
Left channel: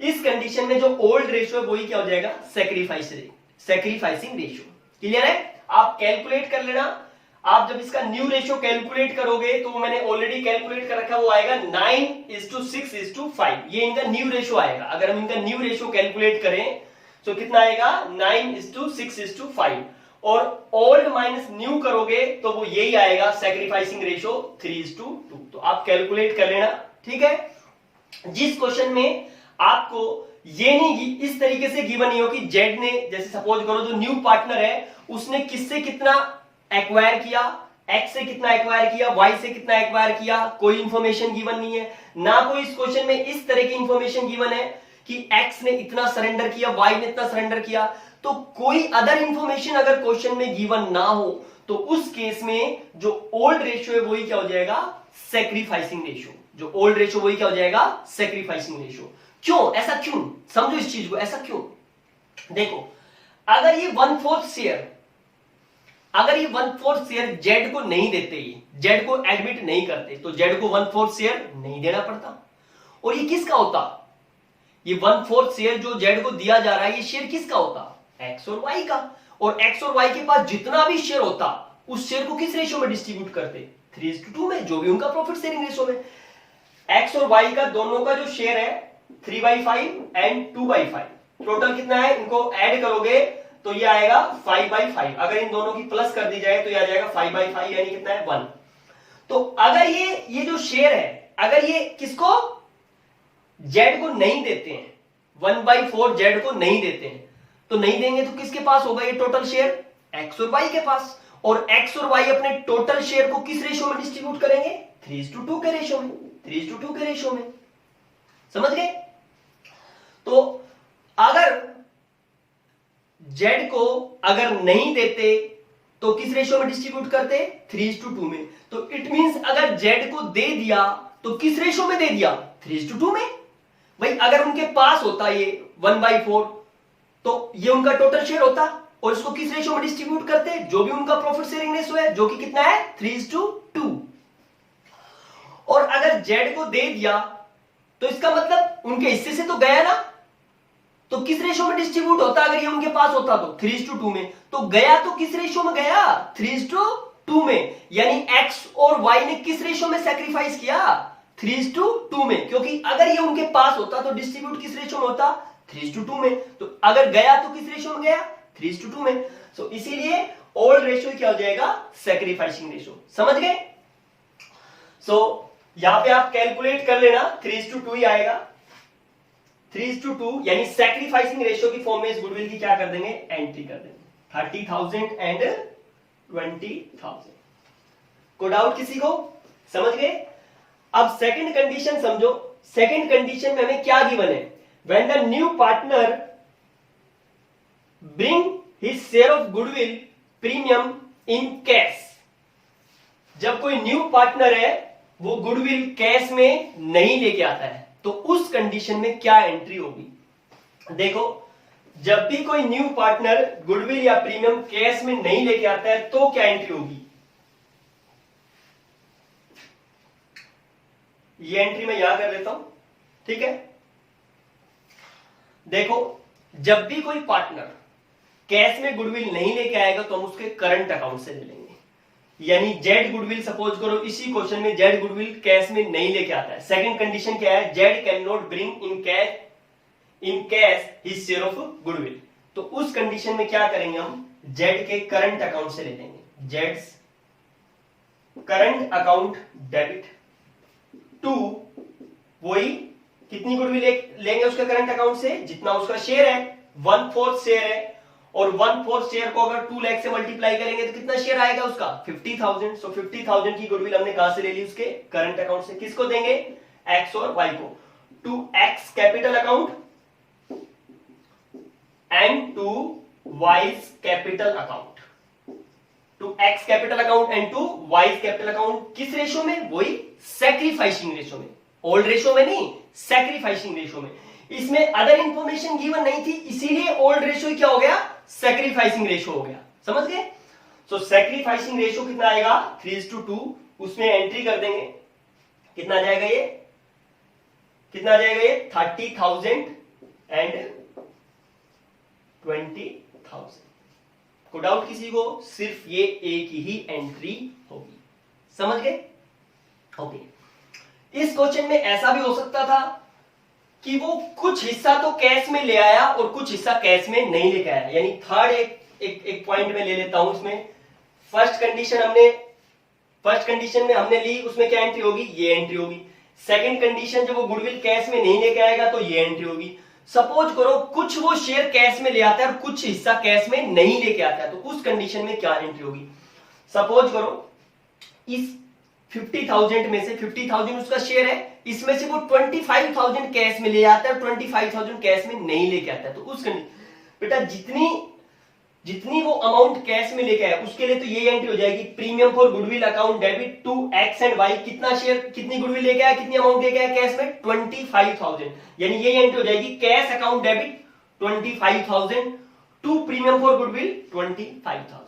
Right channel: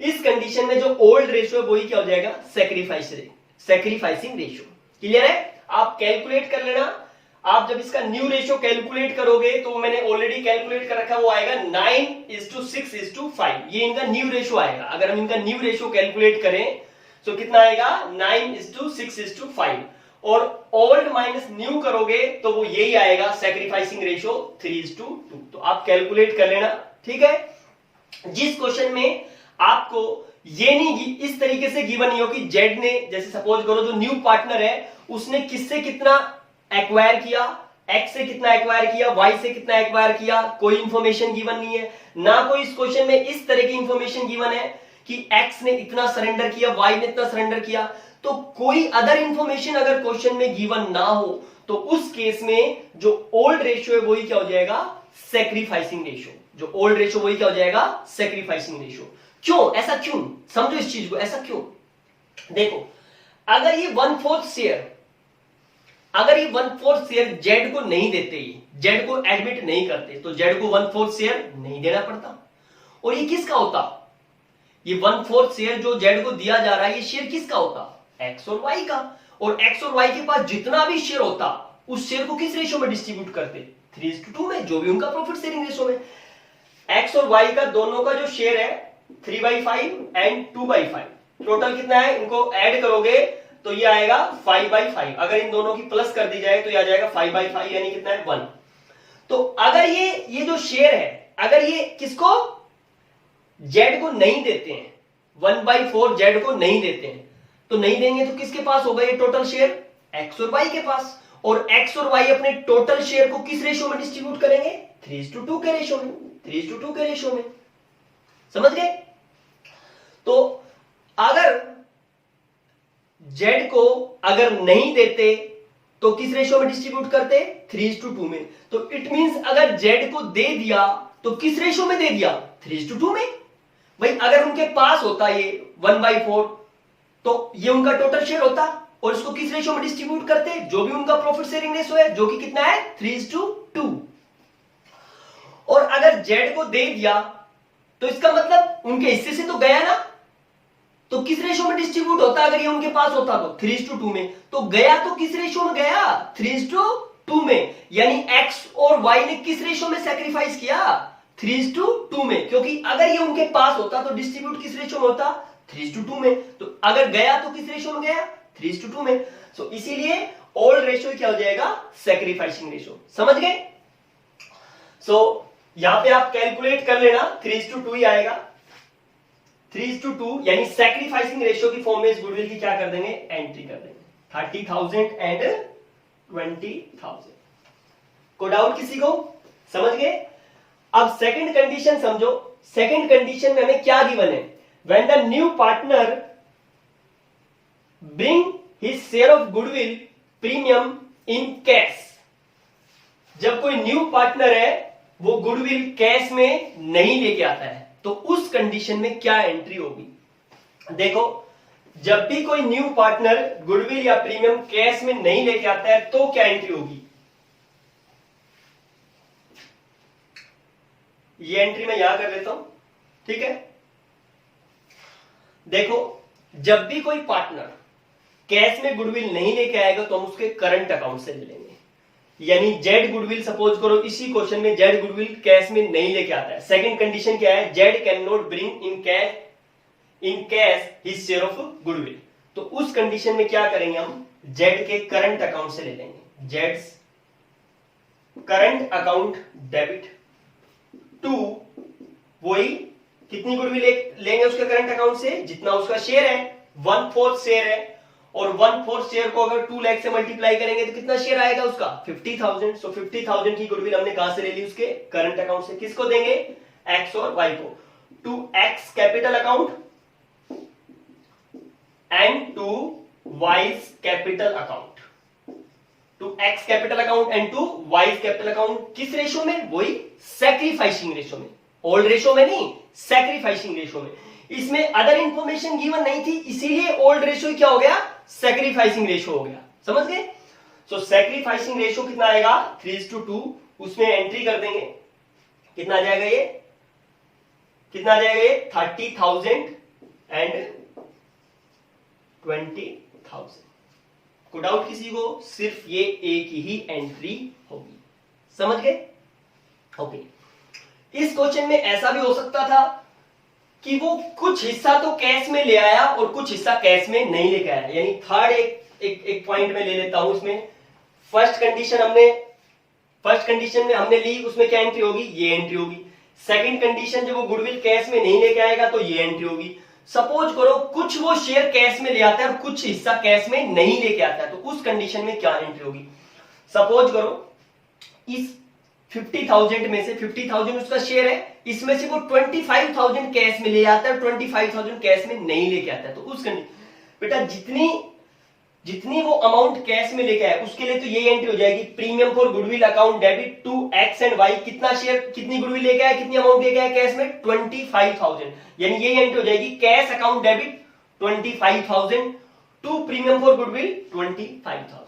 इस कंडीशन में जो ओल्ड रेशो है वही क्या हो जाएगा, सैक्रिफाइसिंग रेशो। क्लियर है, आप कैलकुलेट कर लेना। आप जब इसका न्यू रेशो कैलकुलेट करोगे तो मैंने ऑलरेडी कैलकुलेट कर रखा, वो आएगा 9:6:5, ये इनका न्यू रेशो आएगा। अगर हम इनका न्यू रेशो कैलकुलेट करें तो कितना आएगा, 9:6:5, और ओल्ड माइनस न्यू करोगे तो वो यही आएगा, सैक्रिफाइसिंग रेशो 3:2। तो आप कैलकुलेट कर लेना, ठीक है। जिस क्वेश्चन में आपको ये नहीं इस तरीके से गिवन नहीं हो कि जेड ने, जैसे सपोज करो जो न्यू पार्टनर है उसने किससे कितना एक्वायर किया, एक्स से कितना एक्वायर किया, वाई से कितना एक्वायर किया, कोई इंफॉर्मेशन गिवन नहीं है। ना कोई इस क्वेश्चन में इस तरह की इंफॉर्मेशन गिवन है कि एक्स ने इतना सरेंडर किया, वाई ने इतना सरेंडर किया। तो कोई अदर इंफॉर्मेशन अगर क्वेश्चन में गिवन ना हो तो उस केस में जो ओल्ड रेशियो है वही क्या हो जाएगा, सैक्रिफाइसिंग रेशियो। जो ओल्ड रेशियो वही क्या हो जाएगा, सैक्रिफाइसिंग रेशियो। क्यों, ऐसा क्यों, समझो इस चीज को, ऐसा क्यों। देखो, अगर ये 1/4 शेयर, अगर ये 1/4 शेयर जेड को नहीं देते, जेड को एडमिट नहीं करते, तो जेड को 1/4 शेयर नहीं देना पड़ता। और ये किसका होता, ये 1/4 शेयर जो जेड को दिया जा रहा है, ये शेयर किसका होता, एक्स और वाई का। और एक्स और वाई के पास जितना भी शेयर होता उस शेयर को किस रेशो में डिस्ट्रीब्यूट करते, 3:2 में, जो भी उनका प्रॉफिट शेयरिंग रेशो में। एक्स और वाई का दोनों का जो शेयर है 3/5 एंड 2/5, टोटल कितना है, इनको ऐड करोगे तो ये आएगा 5/5। अगर इन दोनों की प्लस कर दी जाए तो ये आ जाएगा 5/5, यानी कितना है, 1। तो अगर ये जो शेयर है, अगर ये किसको, जेड को नहीं देते हैं, 1/4 जेड को नहीं देते हैं, तो नहीं देंगे तो किसके पास होगा ये टोटल शेयर, एक्स और वाई के पास। और एक्स और वाई अपने टोटल शेयर को किस रेशो में डिस्ट्रीब्यूट करेंगे, 3:2 के रेशो में, 3:2 के रेशो में। समझ गए। तो अगर जेड को अगर नहीं देते तो किस रेशो में डिस्ट्रीब्यूट करते, 3:2 में। तो इट मींस अगर जेड को दे दिया तो किस रेशो में दे दिया, 3:2 में। भाई अगर उनके पास होता ये 1/4 तो ये उनका टोटल शेयर होता, और इसको किस रेशो में डिस्ट्रीब्यूट करते, जो भी उनका प्रॉफिट शेयरिंग रेशो है, जो कि कितना है, 3:2। और अगर जेड को दे दिया तो इसका मतलब उनके हिस्से से तो गया ना, तो किस रेशो में डिस्ट्रीब्यूट होता, अगर ये उनके पास होता तो 3:2 में। तो गया तो किस रेशो में गया, 3:2 में। यानी एक्स और वाई ने किस रेशो में सैक्रिफाइस किया, 3:2 में। क्योंकि अगर ये उनके पास होता तो डिस्ट्रीब्यूट किस रेशो में होता, 3:2 में। तो अगर गया तो किस रेशो में गया, 3:2 में। सो इसीलिए ओल्ड रेशो क्या हो जाएगा, सैक्रिफाइसिंग रेशो। समझ गए। सो यहां पे आप कैलकुलेट कर लेना, 3:2 ही आएगा, 3:2, यानी सैक्रिफाइसिंग रेशियो की फॉर्म में इस गुडविल की क्या कर देंगे, एंट्री कर देंगे, 30,000 एंड 20,000। को डाउट किसी को, समझ गए? अब सेकंड कंडीशन समझो। सेकंड कंडीशन में हमें क्या गिवन है, when the new partner bring his share of goodwill premium in cash. जब कोई न्यू पार्टनर है वो गुडविल कैश में नहीं लेके आता है, तो उस कंडीशन में क्या एंट्री होगी। देखो, जब भी कोई न्यू पार्टनर गुडविल या प्रीमियम कैश में नहीं लेके आता है तो क्या एंट्री होगी। ये एंट्री मैं यहां कर लेता हूं, ठीक है। देखो, जब भी कोई पार्टनर कैश में गुडविल नहीं लेके आएगा तो हम उसके करंट अकाउंट से ले लेंगे, यानी जेड गुडविल, सपोज करो इसी क्वेश्चन में जेड गुडविल कैश में नहीं लेके आता है। सेकंड कंडीशन क्या है, Z can not bring in cash his share of goodwill. तो उस कंडीशन में क्या करेंगे, हम जेड के करंट अकाउंट से ले लेंगे, जेड्स करंट अकाउंट डेबिट टू, वही कितनी गुडविल लेंगे उसके करंट अकाउंट से, जितना उसका शेयर है, 1/4 शेयर है, और 1/4 शेयर को अगर 2 लाख से मल्टीप्लाई करेंगे तो कितना शेयर आएगा उसका, 50,000। सो 50,000 की गुडविल हमने कहां से ले ली, उसके करंट अकाउंट से। किसको देंगे, एक्स और वाई को, to X capital account and to Y's capital account, to X capital account and to Y's capital account. किस रेशो में, वही सैक्रिफाइसिंग रेशो में, ओल्ड रेशो में नहीं, सैक्रिफाइसिंग रेशो में। इसमें अदर इंफॉर्मेशन गिवन नहीं थी, इसीलिए ओल्ड रेशो क्या हो गया, सैक्रिफाइसिंग रेशो हो गया, समझ गए। तो सैक्रिफाइसिंग रेशो कितना आएगा, 3:2, उसमें एंट्री कर देंगे, कितना आ जाएगा ये, कितना आ जाएगा ये, 30,000 एंड 20,000। को डाउट किसी को, सिर्फ ये एक ही एंट्री होगी, समझ गए। ओके, इस क्वेश्चन में ऐसा भी हो सकता था कि वो कुछ हिस्सा तो कैश में ले आया और कुछ हिस्सा कैश में नहीं लेके आया, यानी थर्ड एक पॉइंट में ले लेता हूं। इसमें फर्स्ट कंडीशन में हमने ली, उसमें क्या एंट्री होगी, ये एंट्री होगी। सेकंड कंडीशन, जब वो गुडविल कैश में नहीं लेके आएगा तो ये एंट्री होगी। सपोज करो कुछ वो शेयर कैश में ले आता है और कुछ हिस्सा कैश में नहीं लेके आता है, तो उस कंडीशन में क्या एंट्री होगी। सपोज करो इस 50,000 में से 50,000 उसका शेयर है, इसमें से वो 25,000 कैश में ले आता है, 25,000 कैश में नहीं लेके आता है, तो उस बेटा जितनी वो अमाउंट कैश में लेके आया उसके लिए तो ये एंट्री हो जाएगी, premium for goodwill account debit to X and Y. कितना शेयर, कितनी गुडविल लेके आया, कितनी अमाउंट लेके आया कैश में, 25,000, यानी ये एंट्री हो जाएगी, cash account debit 25,000 to premium for goodwill 25,000।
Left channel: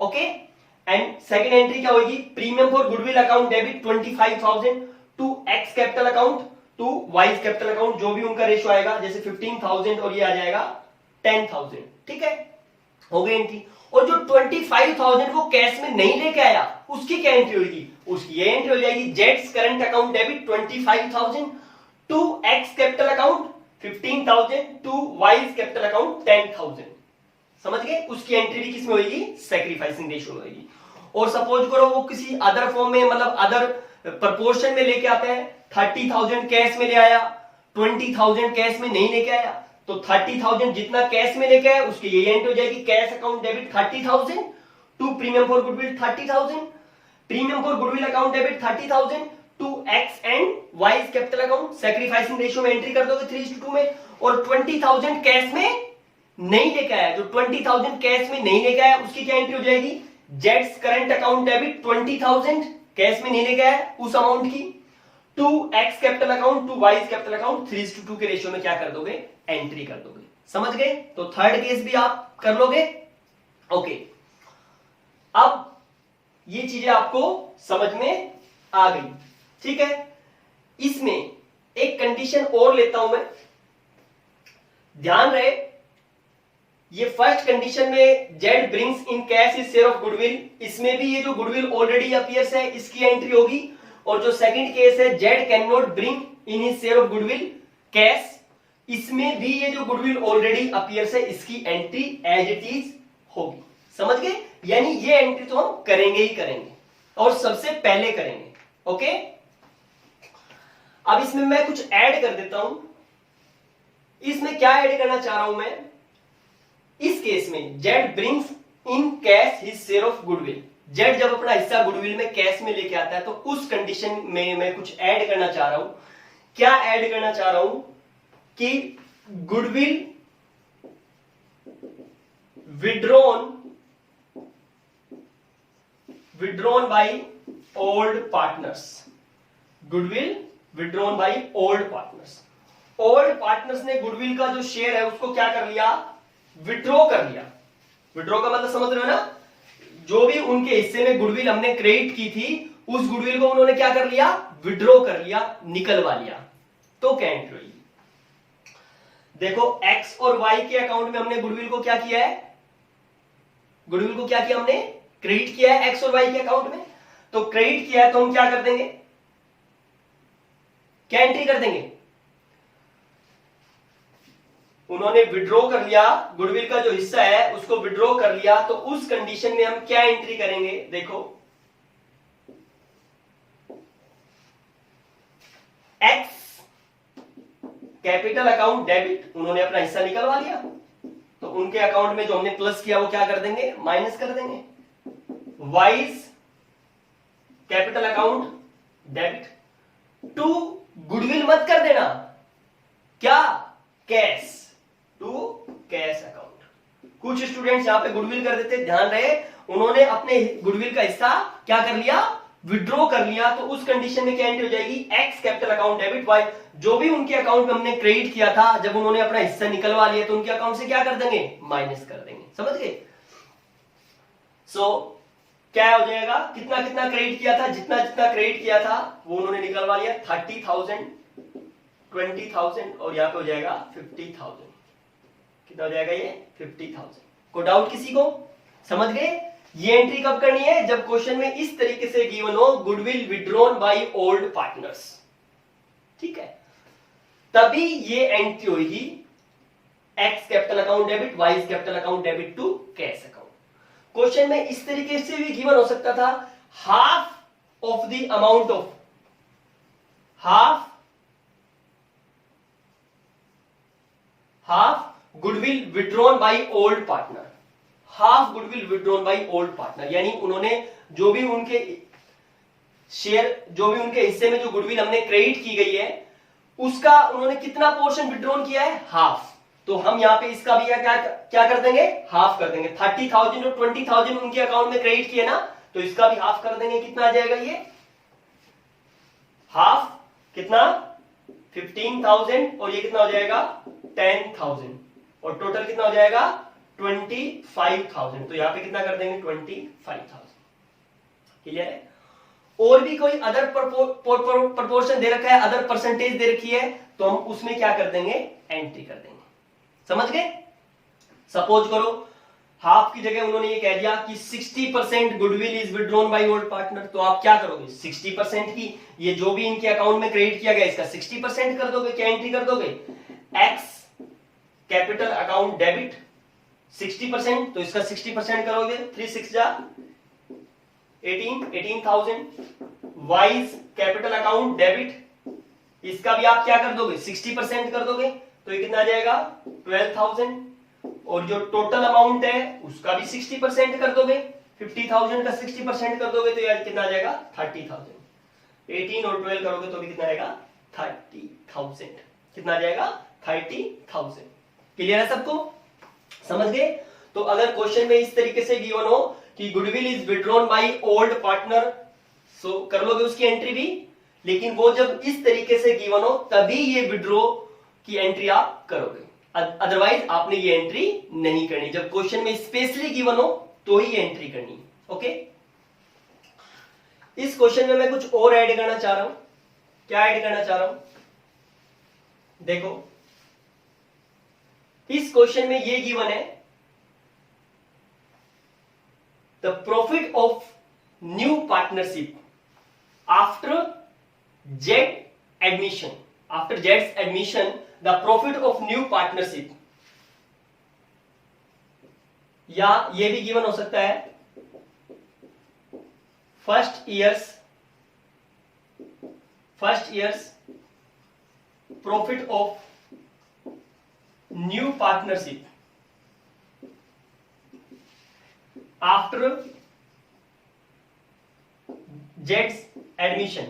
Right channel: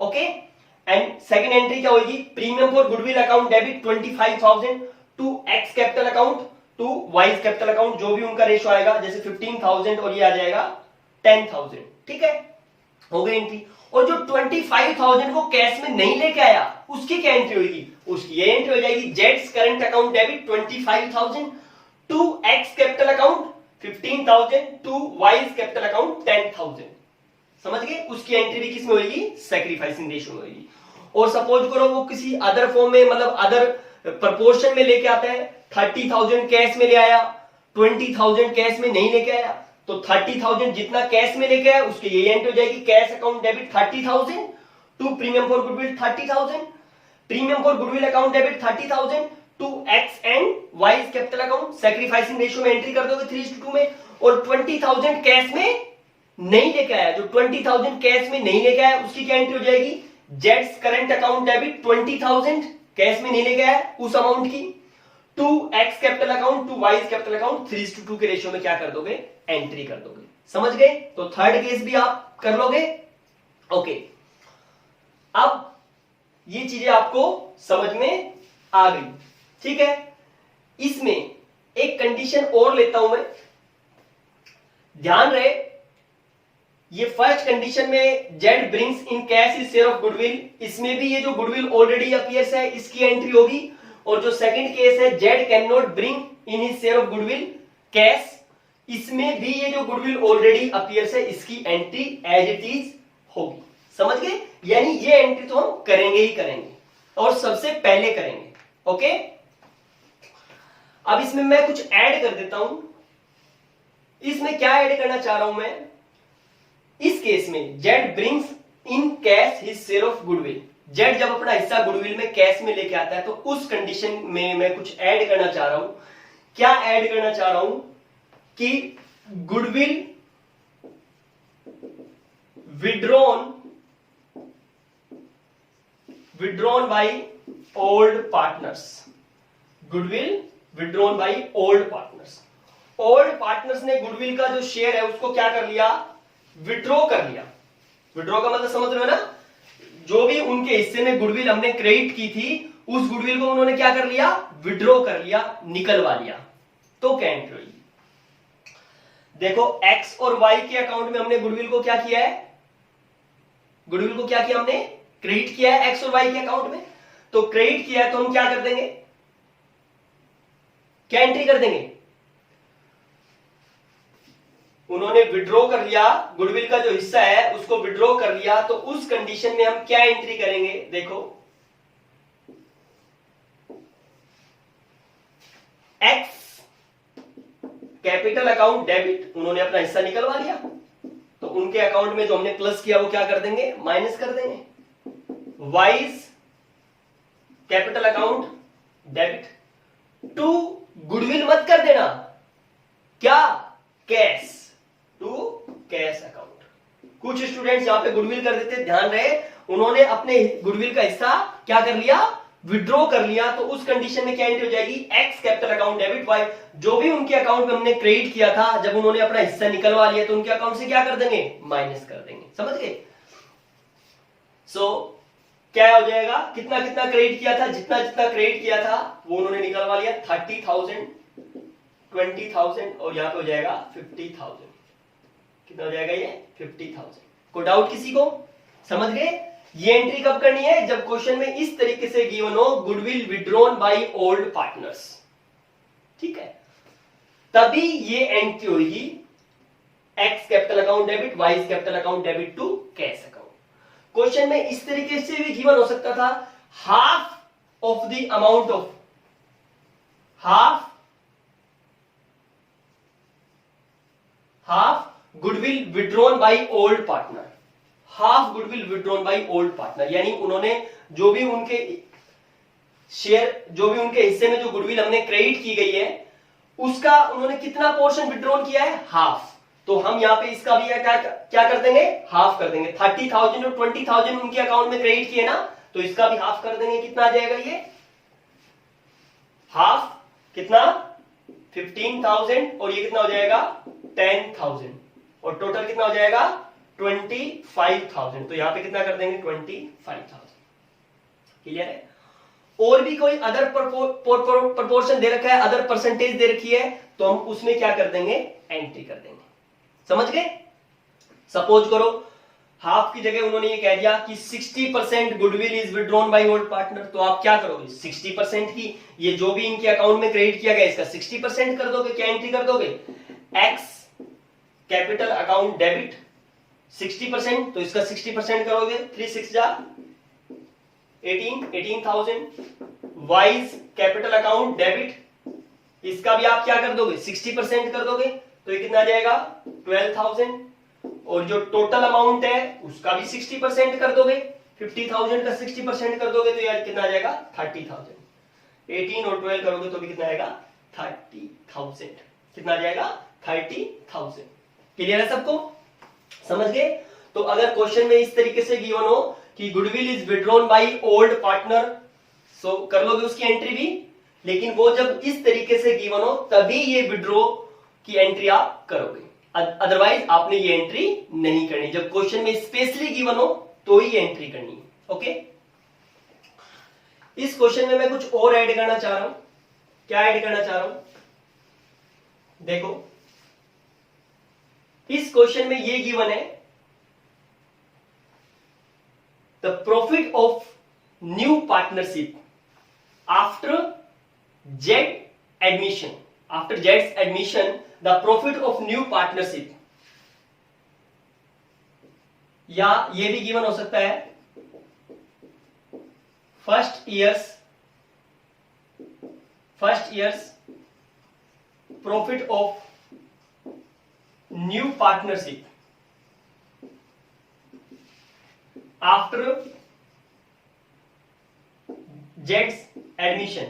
Okay, and second entry क्या होगी, premium for goodwill account debit 25,000 to X capital account to Y capital account, जो भी उनका रेशो आएगा, जैसे 15,000 और ये आ जाएगा 10,000, ठीक है, हो गई एंट्री। और जो 25,000 वो कैश में नहीं लेके आया उसकी क्या एंट्री होगी, उसकी ये एंट्री हो जाएगी, जेड्स current account debit 25,000 to X capital account 15,000 to Y capital account 10,000, समझ गए। उसकी एंट्री भी किसमें होगी, सैक्रिफाइसिंग रेशियो में होगी। और सपोज करो वो किसी अदर फॉर्म में, मतलब अदर प्रपोर्शन में लेके आता है, 30,000 कैश में ले आया, 20,000 कैश में नहीं लेके आया, तो 30,000 जितना कैश में लेके आया उसकी ये एंट्री हो जाएगी, cash account debit 30,000 to premium for goodwill 30,000, premium for goodwill account debit 30,000 to X and Y capital account, sacrificing ratio में एंट्री कर दोगे 3:2 में। और 20,000 कैश में नहीं लेके आया, जो 20,000 कैश में नहीं लेके आया उसकी क्या एंट्री हो जाएगी, जेड्स करंट अकाउंट डेबिट 20,000 कैश में नहीं लेके आया उस अमाउंट की, to X capital account to Y capital account, 3:2 के रेशियो में क्या कर दोगे, एंट्री कर दोगे, समझ गए। तो थर्ड केस भी आप कर लोगे। ओके, अब ये चीजें आपको समझ में आ गई, ठीक है। इसमें एक कंडीशन और लेता हूं मैं, ध्यान रहे, ये फर्स्ट कंडीशन में Z brings in cash is share of goodwill, इसमें भी ये जो गुडविल ऑलरेडी अपीयर्स है इसकी एंट्री होगी। और जो सेकंड केस है Z can not bring in his share of goodwill cash, इसमें भी ये जो गुडविल ऑलरेडी अपीयर्स है इसकी एंट्री एज इट इज होगी, समझ गए। यानी ये एंट्री तो हम करेंगे ही करेंगे और सबसे पहले करेंगे। ओके, अब इसमें मैं कुछ ऐड कर देता हूं। इसमें क्या ऐड करना चाह रहा हूं मैं, इस केस में Z brings in cash his share of goodwill. Z जब अपना हिस्सा गुडविल में कैश में लेके आता है तो उस कंडीशन में मैं कुछ ऐड करना चाह रहा हूं। क्या ऐड करना चाह रहा हूं कि goodwill withdrawn by old partners. Goodwill withdrawn by old partners. Old partners ने गुडविल का जो शेयर है उसको क्या कर लिया, विड्रॉ कर लिया। विड्रॉ का मतलब समझ रहे हो ना, जो भी उनके हिस्से में गुडविल हमने क्रेडिट की थी उस गुडविल को उन्होंने क्या कर लिया, विड्रॉ कर लिया, निकलवा लिया। तो क्या एंट्री हुई, देखो एक्स और वाई के अकाउंट में हमने गुडविल को क्या किया है, गुडविल को क्या किया हमने, क्रेडिट किया है एक्स और वाई के अकाउंट में। तो क्रेडिट किया है तो हम क्या कर देंगे, क्या एंट्री कर देंगे, उन्होंने विड्रॉ कर लिया, गुडविल का जो हिस्सा है उसको विड्रॉ कर लिया, तो उस कंडीशन में हम क्या एंट्री करेंगे, देखो एक्स कैपिटल अकाउंट डेबिट, उन्होंने अपना हिस्सा निकलवा लिया तो उनके अकाउंट में जो हमने प्लस किया वो क्या कर देंगे, माइनस कर देंगे। Y's capital account debit, to goodwill मत कर देना, क्या, कैश, टू कैश अकाउंट। कुछ स्टूडेंट्स यहां पे गुडविल कर देते, ध्यान रहे, उन्होंने अपने गुडविल का हिस्सा क्या कर लिया, विड्रॉ कर लिया, तो उस कंडीशन में क्या एंट्री हो जाएगी, X capital account debit, Y जो भी उनके अकाउंट में हमने क्रेडिट किया था जब उन्होंने अपना हिस्सा निकलवा लिया तो उनके अकाउंट से क्या कर देंगे, माइनस कर देंगे। समझ गए। सो क्या हो जाएगा, कितना कितना क्रेडिट किया था, जितना जितना क्रेडिट किया था वो उन्होंने निकलवा लिया, 30,000, 20,000 और यहां पे हो जाएगा 50,000। कितना हो जाएगा ये, 50,000। कोई डाउट किसी को, समझ गए। ये एंट्री कब करनी है, जब क्वेश्चन में इस तरीके से गिवन हो, goodwill withdrawn by old partners, ठीक है, तभी ये एंट्री होगी, X capital account debit, Y capital account debit to cash account. Question में इस तरीके से भी गिवन हो सकता था, half of the amount of, half goodwill withdrawn by old partner, half goodwill withdrawn by old partner, यानी उन्होंने जो भी उनके शेयर, जो भी उनके हिस्से में जो गुडविल हमने क्रेडिट की गई है उसका उन्होंने कितना पोर्शन विड्रॉन किया है, हाफ। तो हम यहां पे इसका भी क्या कर देंगे, हाफ कर देंगे। 30,000 और 20,000 उनके अकाउंट में क्रेडिट किए ना, तो इसका भी हाफ कर देंगे। कितना आ जाएगा ये, हाफ कितना, 15,000 और ये कितना हो जाएगा, 10,000 और टोटल कितना हो जाएगा, 25,000। तो यहां पे कितना कर देंगे, 25,000। क्लियर है। और भी कोई अदर प्रपोर्शन दे रखा है, अदर परसेंटेज दे रखी है, तो हम उसमें क्या कर देंगे, एंट्री कर देंगे। समझ गए। सपोज करो हाफ की जगह उन्होंने ये कह दिया कि 60% goodwill is withdrawn by old partner, तो आप क्या करोगे, 60% की, ये जो भी इनके अकाउंट में क्रेडिट किया गया इसका 60% कर दोगे। क्या एंट्री कर दोगे, एक्स कैपिटल अकाउंट डेबिट 60%, तो इसका 60% करोगे, 3 6 जा 18,000। वाइज कैपिटल अकाउंट डेबिट, इसका भी आप क्या कर दोगे, 60% कर दोगे, तो ये कितना आ जाएगा, 12,000। और जो टोटल अमाउंट है उसका भी 60% कर दोगे, 50,000 का 60% कर दोगे, तो यार कितना आ जाएगा, 30,000। 18 और 12 करोगे तो भी कितना आएगा, 30,000। कितना आ जाएगा, 30,000। क्लियर है सबको, समझ गए। तो अगर क्वेश्चन में इस तरीके से गिवन हो कि goodwill is withdrawn by old partner, so कर लोगे उसकी एंट्री भी, लेकिन वो जब इस तरीके से गिवन हो तभी ये विड्रॉ की एंट्री आप करोगे, अदरवाइज आपने ये एंट्री नहीं करनी। जब क्वेश्चन में स्पेशली गिवन हो तो ही एंट्री करनी है। ओके, इस क्वेश्चन में मैं कुछ और ऐड करना चाह रहा हूं। क्या ऐड करना चाह रहा हूं, देखो इस क्वेश्चन में ये गिवन है, the profit of new partnership after Z admission, after Jades admission the profit of new partnership, या ये भी गिवन हो सकता है first years profit of new partnership after Jades admission,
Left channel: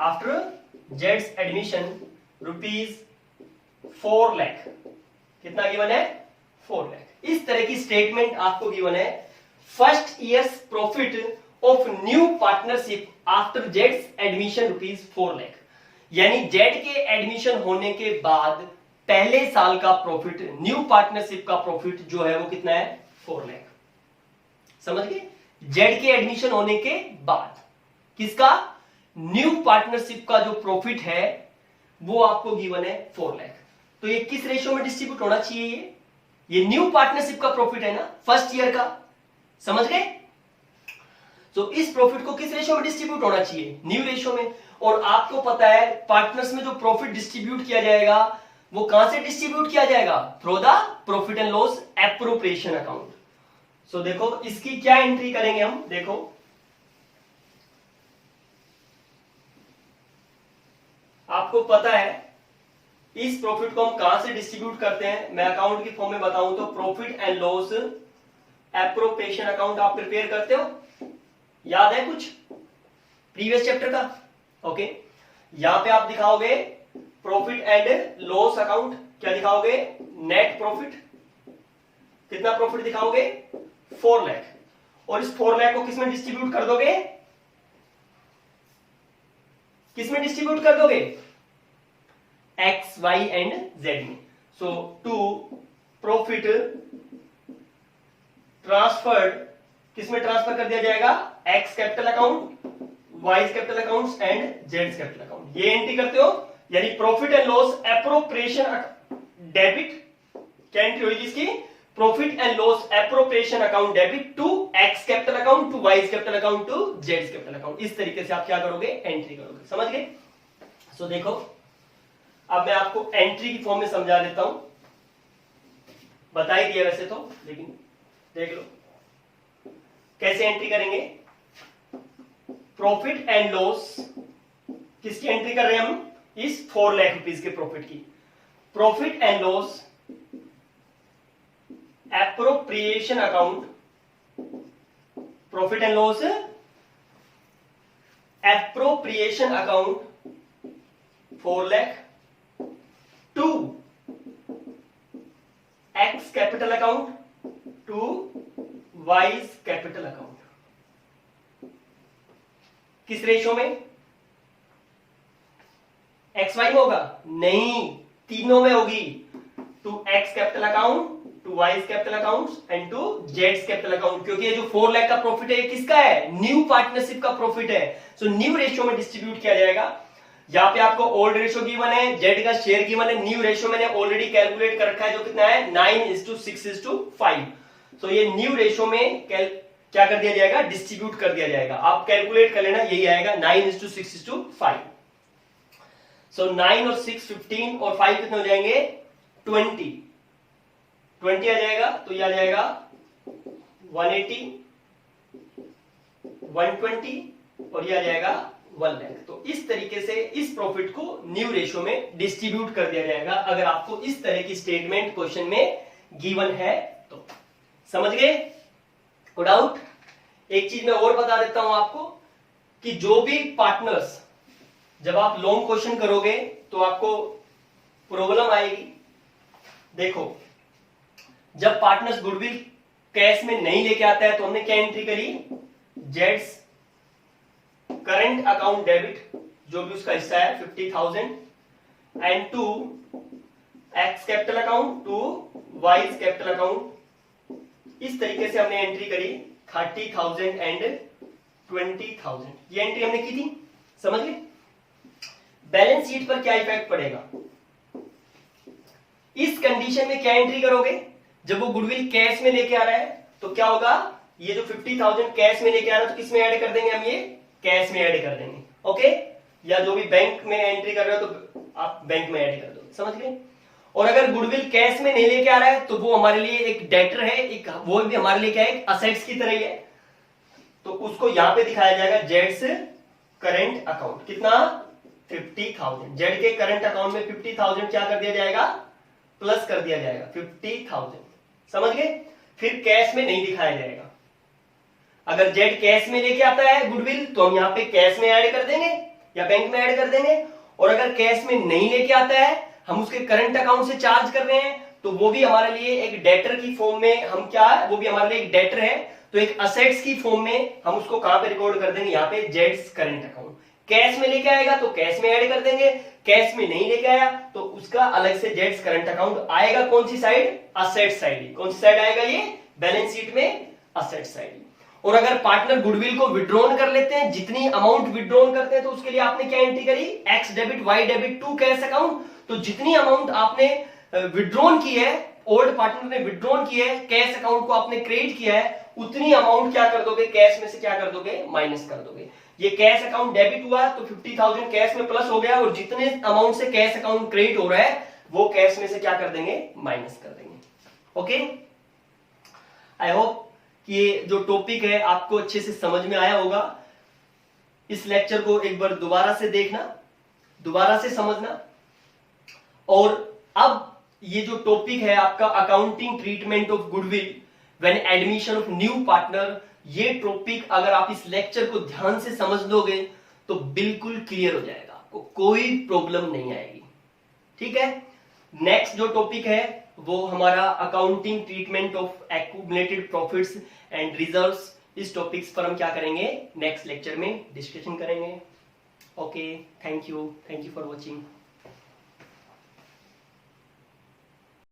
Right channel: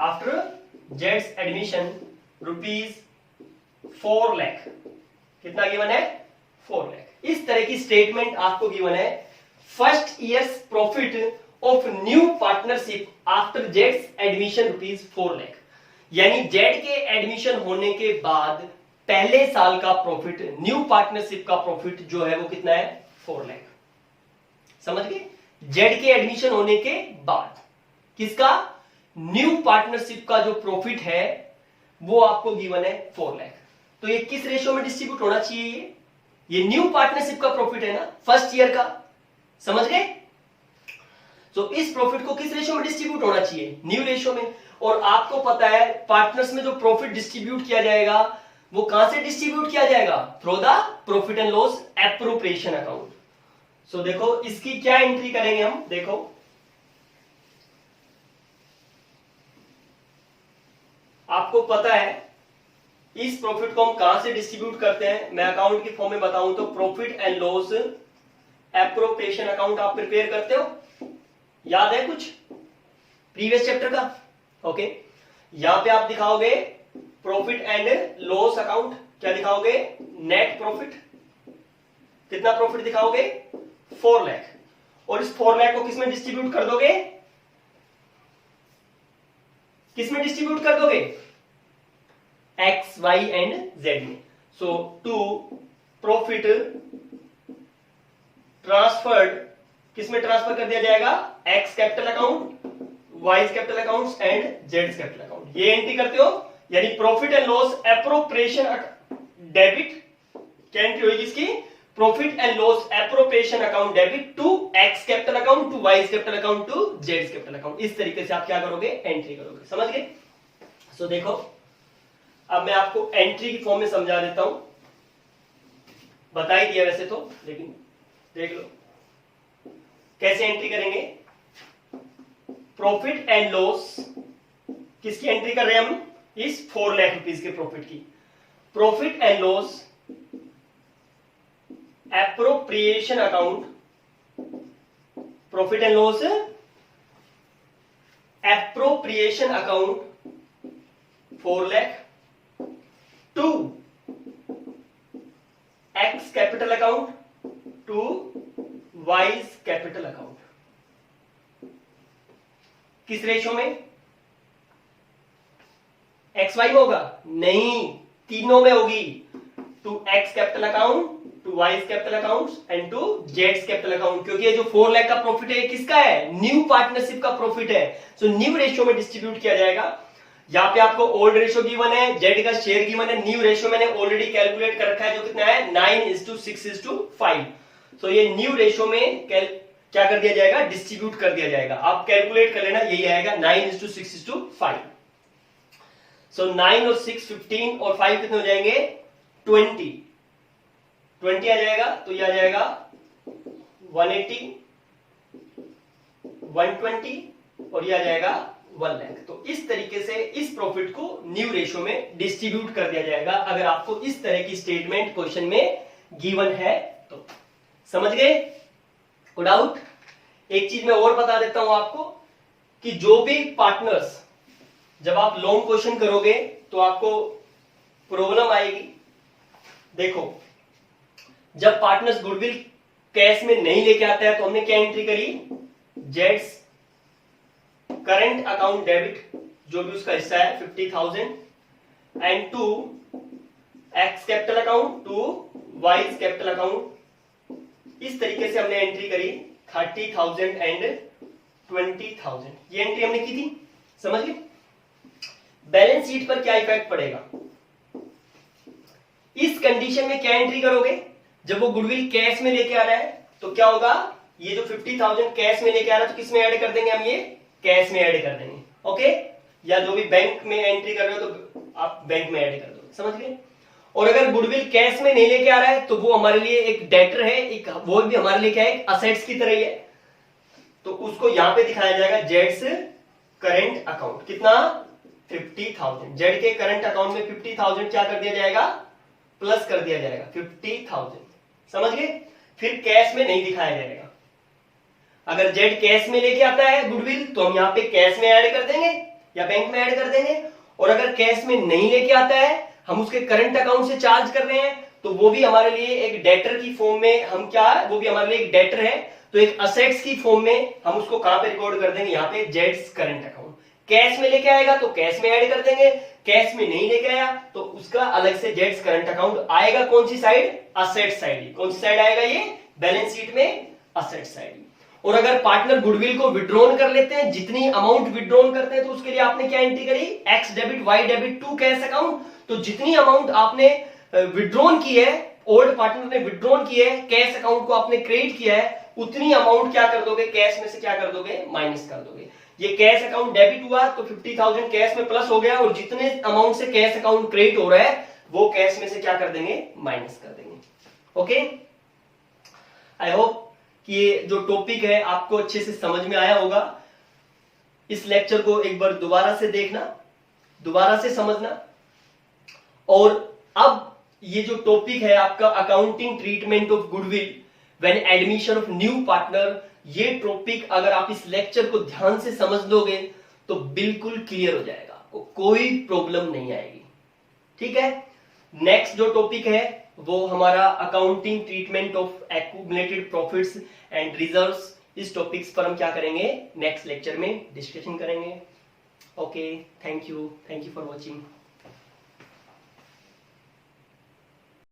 after Jades admission ₹4 lakh. कितना गिवन है? 4 लाख। इस तरह की स्टेटमेंट आपको गिवन है। First years profit of new partnership after Jades admission ₹4 lakh, यानी जेड के एडमिशन होने के बाद पहले साल का प्रॉफिट, न्यू पार्टनरशिप का प्रॉफिट जो है वो कितना है? 4 लाख। समझ गए? जेड के एडमिशन होने के बाद किसका? न्यू पार्टनरशिप का जो प्रॉफिट है वो आपको गिवन है 4 लाख। तो ये किस रेशियो में डिस्ट्रीब्यूट होना चाहिए? ये न्यू पार्टनरशिप का प्रॉफिट है ना, फर्स्ट ईयर का। समझ गए? तो इस प्रॉफिट को किस रेशियो में डिस्ट्रीब्यूट होना चाहिए? न्यू रेशियो में। और आपको पता है पार्टनर्स में जो प्रॉफिट डिस्ट्रीब्यूट किया जाएगा वो कहां से डिस्ट्रीब्यूट किया जाएगा? Through the profit and loss appropriation account. So देखो इसकी क्या एंट्री करेंगे हम, देखो आपको पता है इस प्रॉफिट को हम कहां से डिस्ट्रीब्यूट करते हैं। मैं अकाउंट की फॉर्म में बताऊं तो profit and loss appropriation account आप प्रिपेयर करते हो, याद है कुछ प्रीवियस चैप्टर का? ओके, यहां पे आप दिखाओगे प्रॉफिट एंड लॉस अकाउंट। क्या दिखाओगे? Net profit. कितना प्रॉफिट दिखाओगे? 4 लाख। और इस 4 लाख को किसमें डिस्ट्रीब्यूट कर दोगे? किसमें डिस्ट्रीब्यूट कर दोगे? एक्स, वाई एंड जेड में। सो टू प्रॉफिट ट्रांसफर्ड किसमें ट्रांसफर कर दिया जाएगा? X capital account, Y capital account and Z capital account. ये एंट्री करते हो, यानी profit and loss appropriation debit. क्या एंट्री होगी इसकी? Profit and loss appropriation account debit to X capital account, to Y capital account, to Z capital account. इस तरीके से आप क्या करोगे? एंट्री करोगे। समझ गए? सो देखो अब मैं आपको एंट्री की फॉर्म में समझा देता हूं। बता ही दिया वैसे तो, लेकिन देख लो कैसे एंट्री करेंगे। प्रॉफिट एंड लॉस किसकी एंट्री कर रहे हैं हम? इस 4 लाख रुपीस के प्रॉफिट की। Profit and loss appropriation account, profit and loss appropriation account 4 lakh to X capital account, to Y capital account. किस रेशियो में? एक्स वाई में होगा? नहीं, तीनों में होगी। To X capital account, to Y capital account and to Z capital account. क्योंकि ये जो 4 लाख का प्रॉफिट है किसका है? न्यू पार्टनरशिप का प्रॉफिट है। सो न्यू रेशियो में डिस्ट्रीब्यूट किया जाएगा। यहां पे आपको ओल्ड रेशियो गिवन है, जेड का शेयर गिवन है। न्यू रेशियो मैंने ऑलरेडी कैलकुलेट कर रखा है जो कितना है? 9:6:5। सो ये न्यू रेशियो में क्या कर दिया जाएगा? डिस्ट्रीब्यूट कर दिया जाएगा। आप कैलकुलेट कर लेना, यही आएगा 9:6:5। सो 9 और 6 15 और 5 कितने हो जाएंगे? 20 आ जाएगा। तो ये आ जाएगा 180, 120 और ये आ जाएगा 1 लाख। तो इस तरीके से इस प्रॉफिट को न्यू रेशियो में डिस्ट्रीब्यूट कर दिया जाएगा, अगर आपको इस तरह की स्टेटमेंट क्वेश्चन में गिवन है तो। समझ गए? कोई डाउट? एक चीज मैं और बता देता हूं आपको कि जो भी पार्टनर्स, जब आप लॉन्ग क्वेश्चन करोगे तो आपको प्रॉब्लम आएगी। देखो जब पार्टनर्स गुडविल कैश में नहीं लेके आता है तो हमने क्या एंट्री करी? जेड्स करंट अकाउंट डेबिट, जो भी उसका हिस्सा है 50,000 and to X capital account, to Y capital account. इस तरीके से हमने एंट्री करी 30,000 एंड 20,000। ये एंट्री हमने की थी। समझ गए? बैलेंस शीट पर क्या इफेक्ट पड़ेगा? इस कंडीशन में क्या एंट्री करोगे? जब वो गुडविल कैश में लेके आ रहा है तो क्या होगा? ये जो 50,000 कैश में लेके आ रहा है तो किस में ऐड कर देंगे हम? ये कैश में ऐड कर देंगे। ओके, या जो भी बैंक में एंट्री कर रहे हो तो आप बैंक में ऐड कर दोगे। समझ गए? और अगर गुडविल कैश में नहीं लेके आ रहा है तो वो हमारे लिए एक डेटर है, एक वो भी हमारे लिए क्या है? असेट्स की तरह ही है। तो उसको यहां पे दिखाया जाएगा जेड्स करेंट अकाउंट। कितना? 50,000। जेड के करंट अकाउंट में 50,000 क्या कर दिया जाएगा, प्लस कर दिया जाएगा 50,000, समझ गए। फिर कैश में नहीं दिखाया जाएगा। अगर जेड कैश में लेके आता है गुडविल तो हम यहाँ पे कैश में ऐड कर देंगे या बैंक में ऐड कर देंगे, और अगर कैश में नहीं लेके आता है, हम उसके करंट अकाउंट से चार्ज कर रहे हैं, तो वो भी हमारे लिए एक डेटर की फॉर्म में, हम क्या है, वो भी हमारे लिए एक डेटर है, तो एक असेट्स की फॉर्म में हम उसको कहां पे रिकॉर्ड कर देंगे, यहाँ पे जेड्स करंट अकाउंट। कैश में लेके आएगा तो कैश में ऐड कर देंगे, कैश में नहीं लेके आया तो उसका अलग से जेड्स करंट अकाउंट आएगा। कौन सी साइड, असेट साइड। कौन सी साइड आएगा ये, बैलेंस शीट में असेट साइड। और अगर पार्टनर गुडविल को विड्रॉन कर लेते हैं, जितनी अमाउंट विड्रॉन करते हैं, तो उसके लिए आपने क्या एंट्री करी, X debit Y debit to cash account. तो जितनी अमाउंट आपने विड्रॉन की है, ओल्ड पार्टनर ने विड्रॉन की है, कैश अकाउंट को आपने क्रेडिट किया है, उतनी अमाउंट क्या कर दोगे, कैश में से क्या कर दोगे, माइनस कर दोगे। ये कैश अकाउंट डेबिट हुआ तो 50,000 कैश में प्लस हो गया, और जितने अमाउंट से कैश अकाउंट क्रेडिट हो रहा है वो कैश में से क्या कर देंगे, माइनस कर देंगे। ओके, आई होप कि ये जो टॉपिक है आपको अच्छे से समझ में आया होगा। इस लेक्चर को एक बार दोबारा से देखना, दोबारा से समझना। और अब ये जो टॉपिक है आपका accounting treatment of goodwill when admission of new partner, ये टॉपिक अगर आप इस लेक्चर को ध्यान से समझ लोगे तो बिल्कुल क्लियर हो जाएगा, आपको कोई प्रॉब्लम नहीं आएगी। ठीक है, नेक्स्ट जो टॉपिक है वो हमारा accounting treatment of accumulated profits and reserves. इस टॉपिक्स पर हम क्या करेंगे, नेक्स्ट लेक्चर में डिस्कशन करेंगे। Okay, thank you for watching.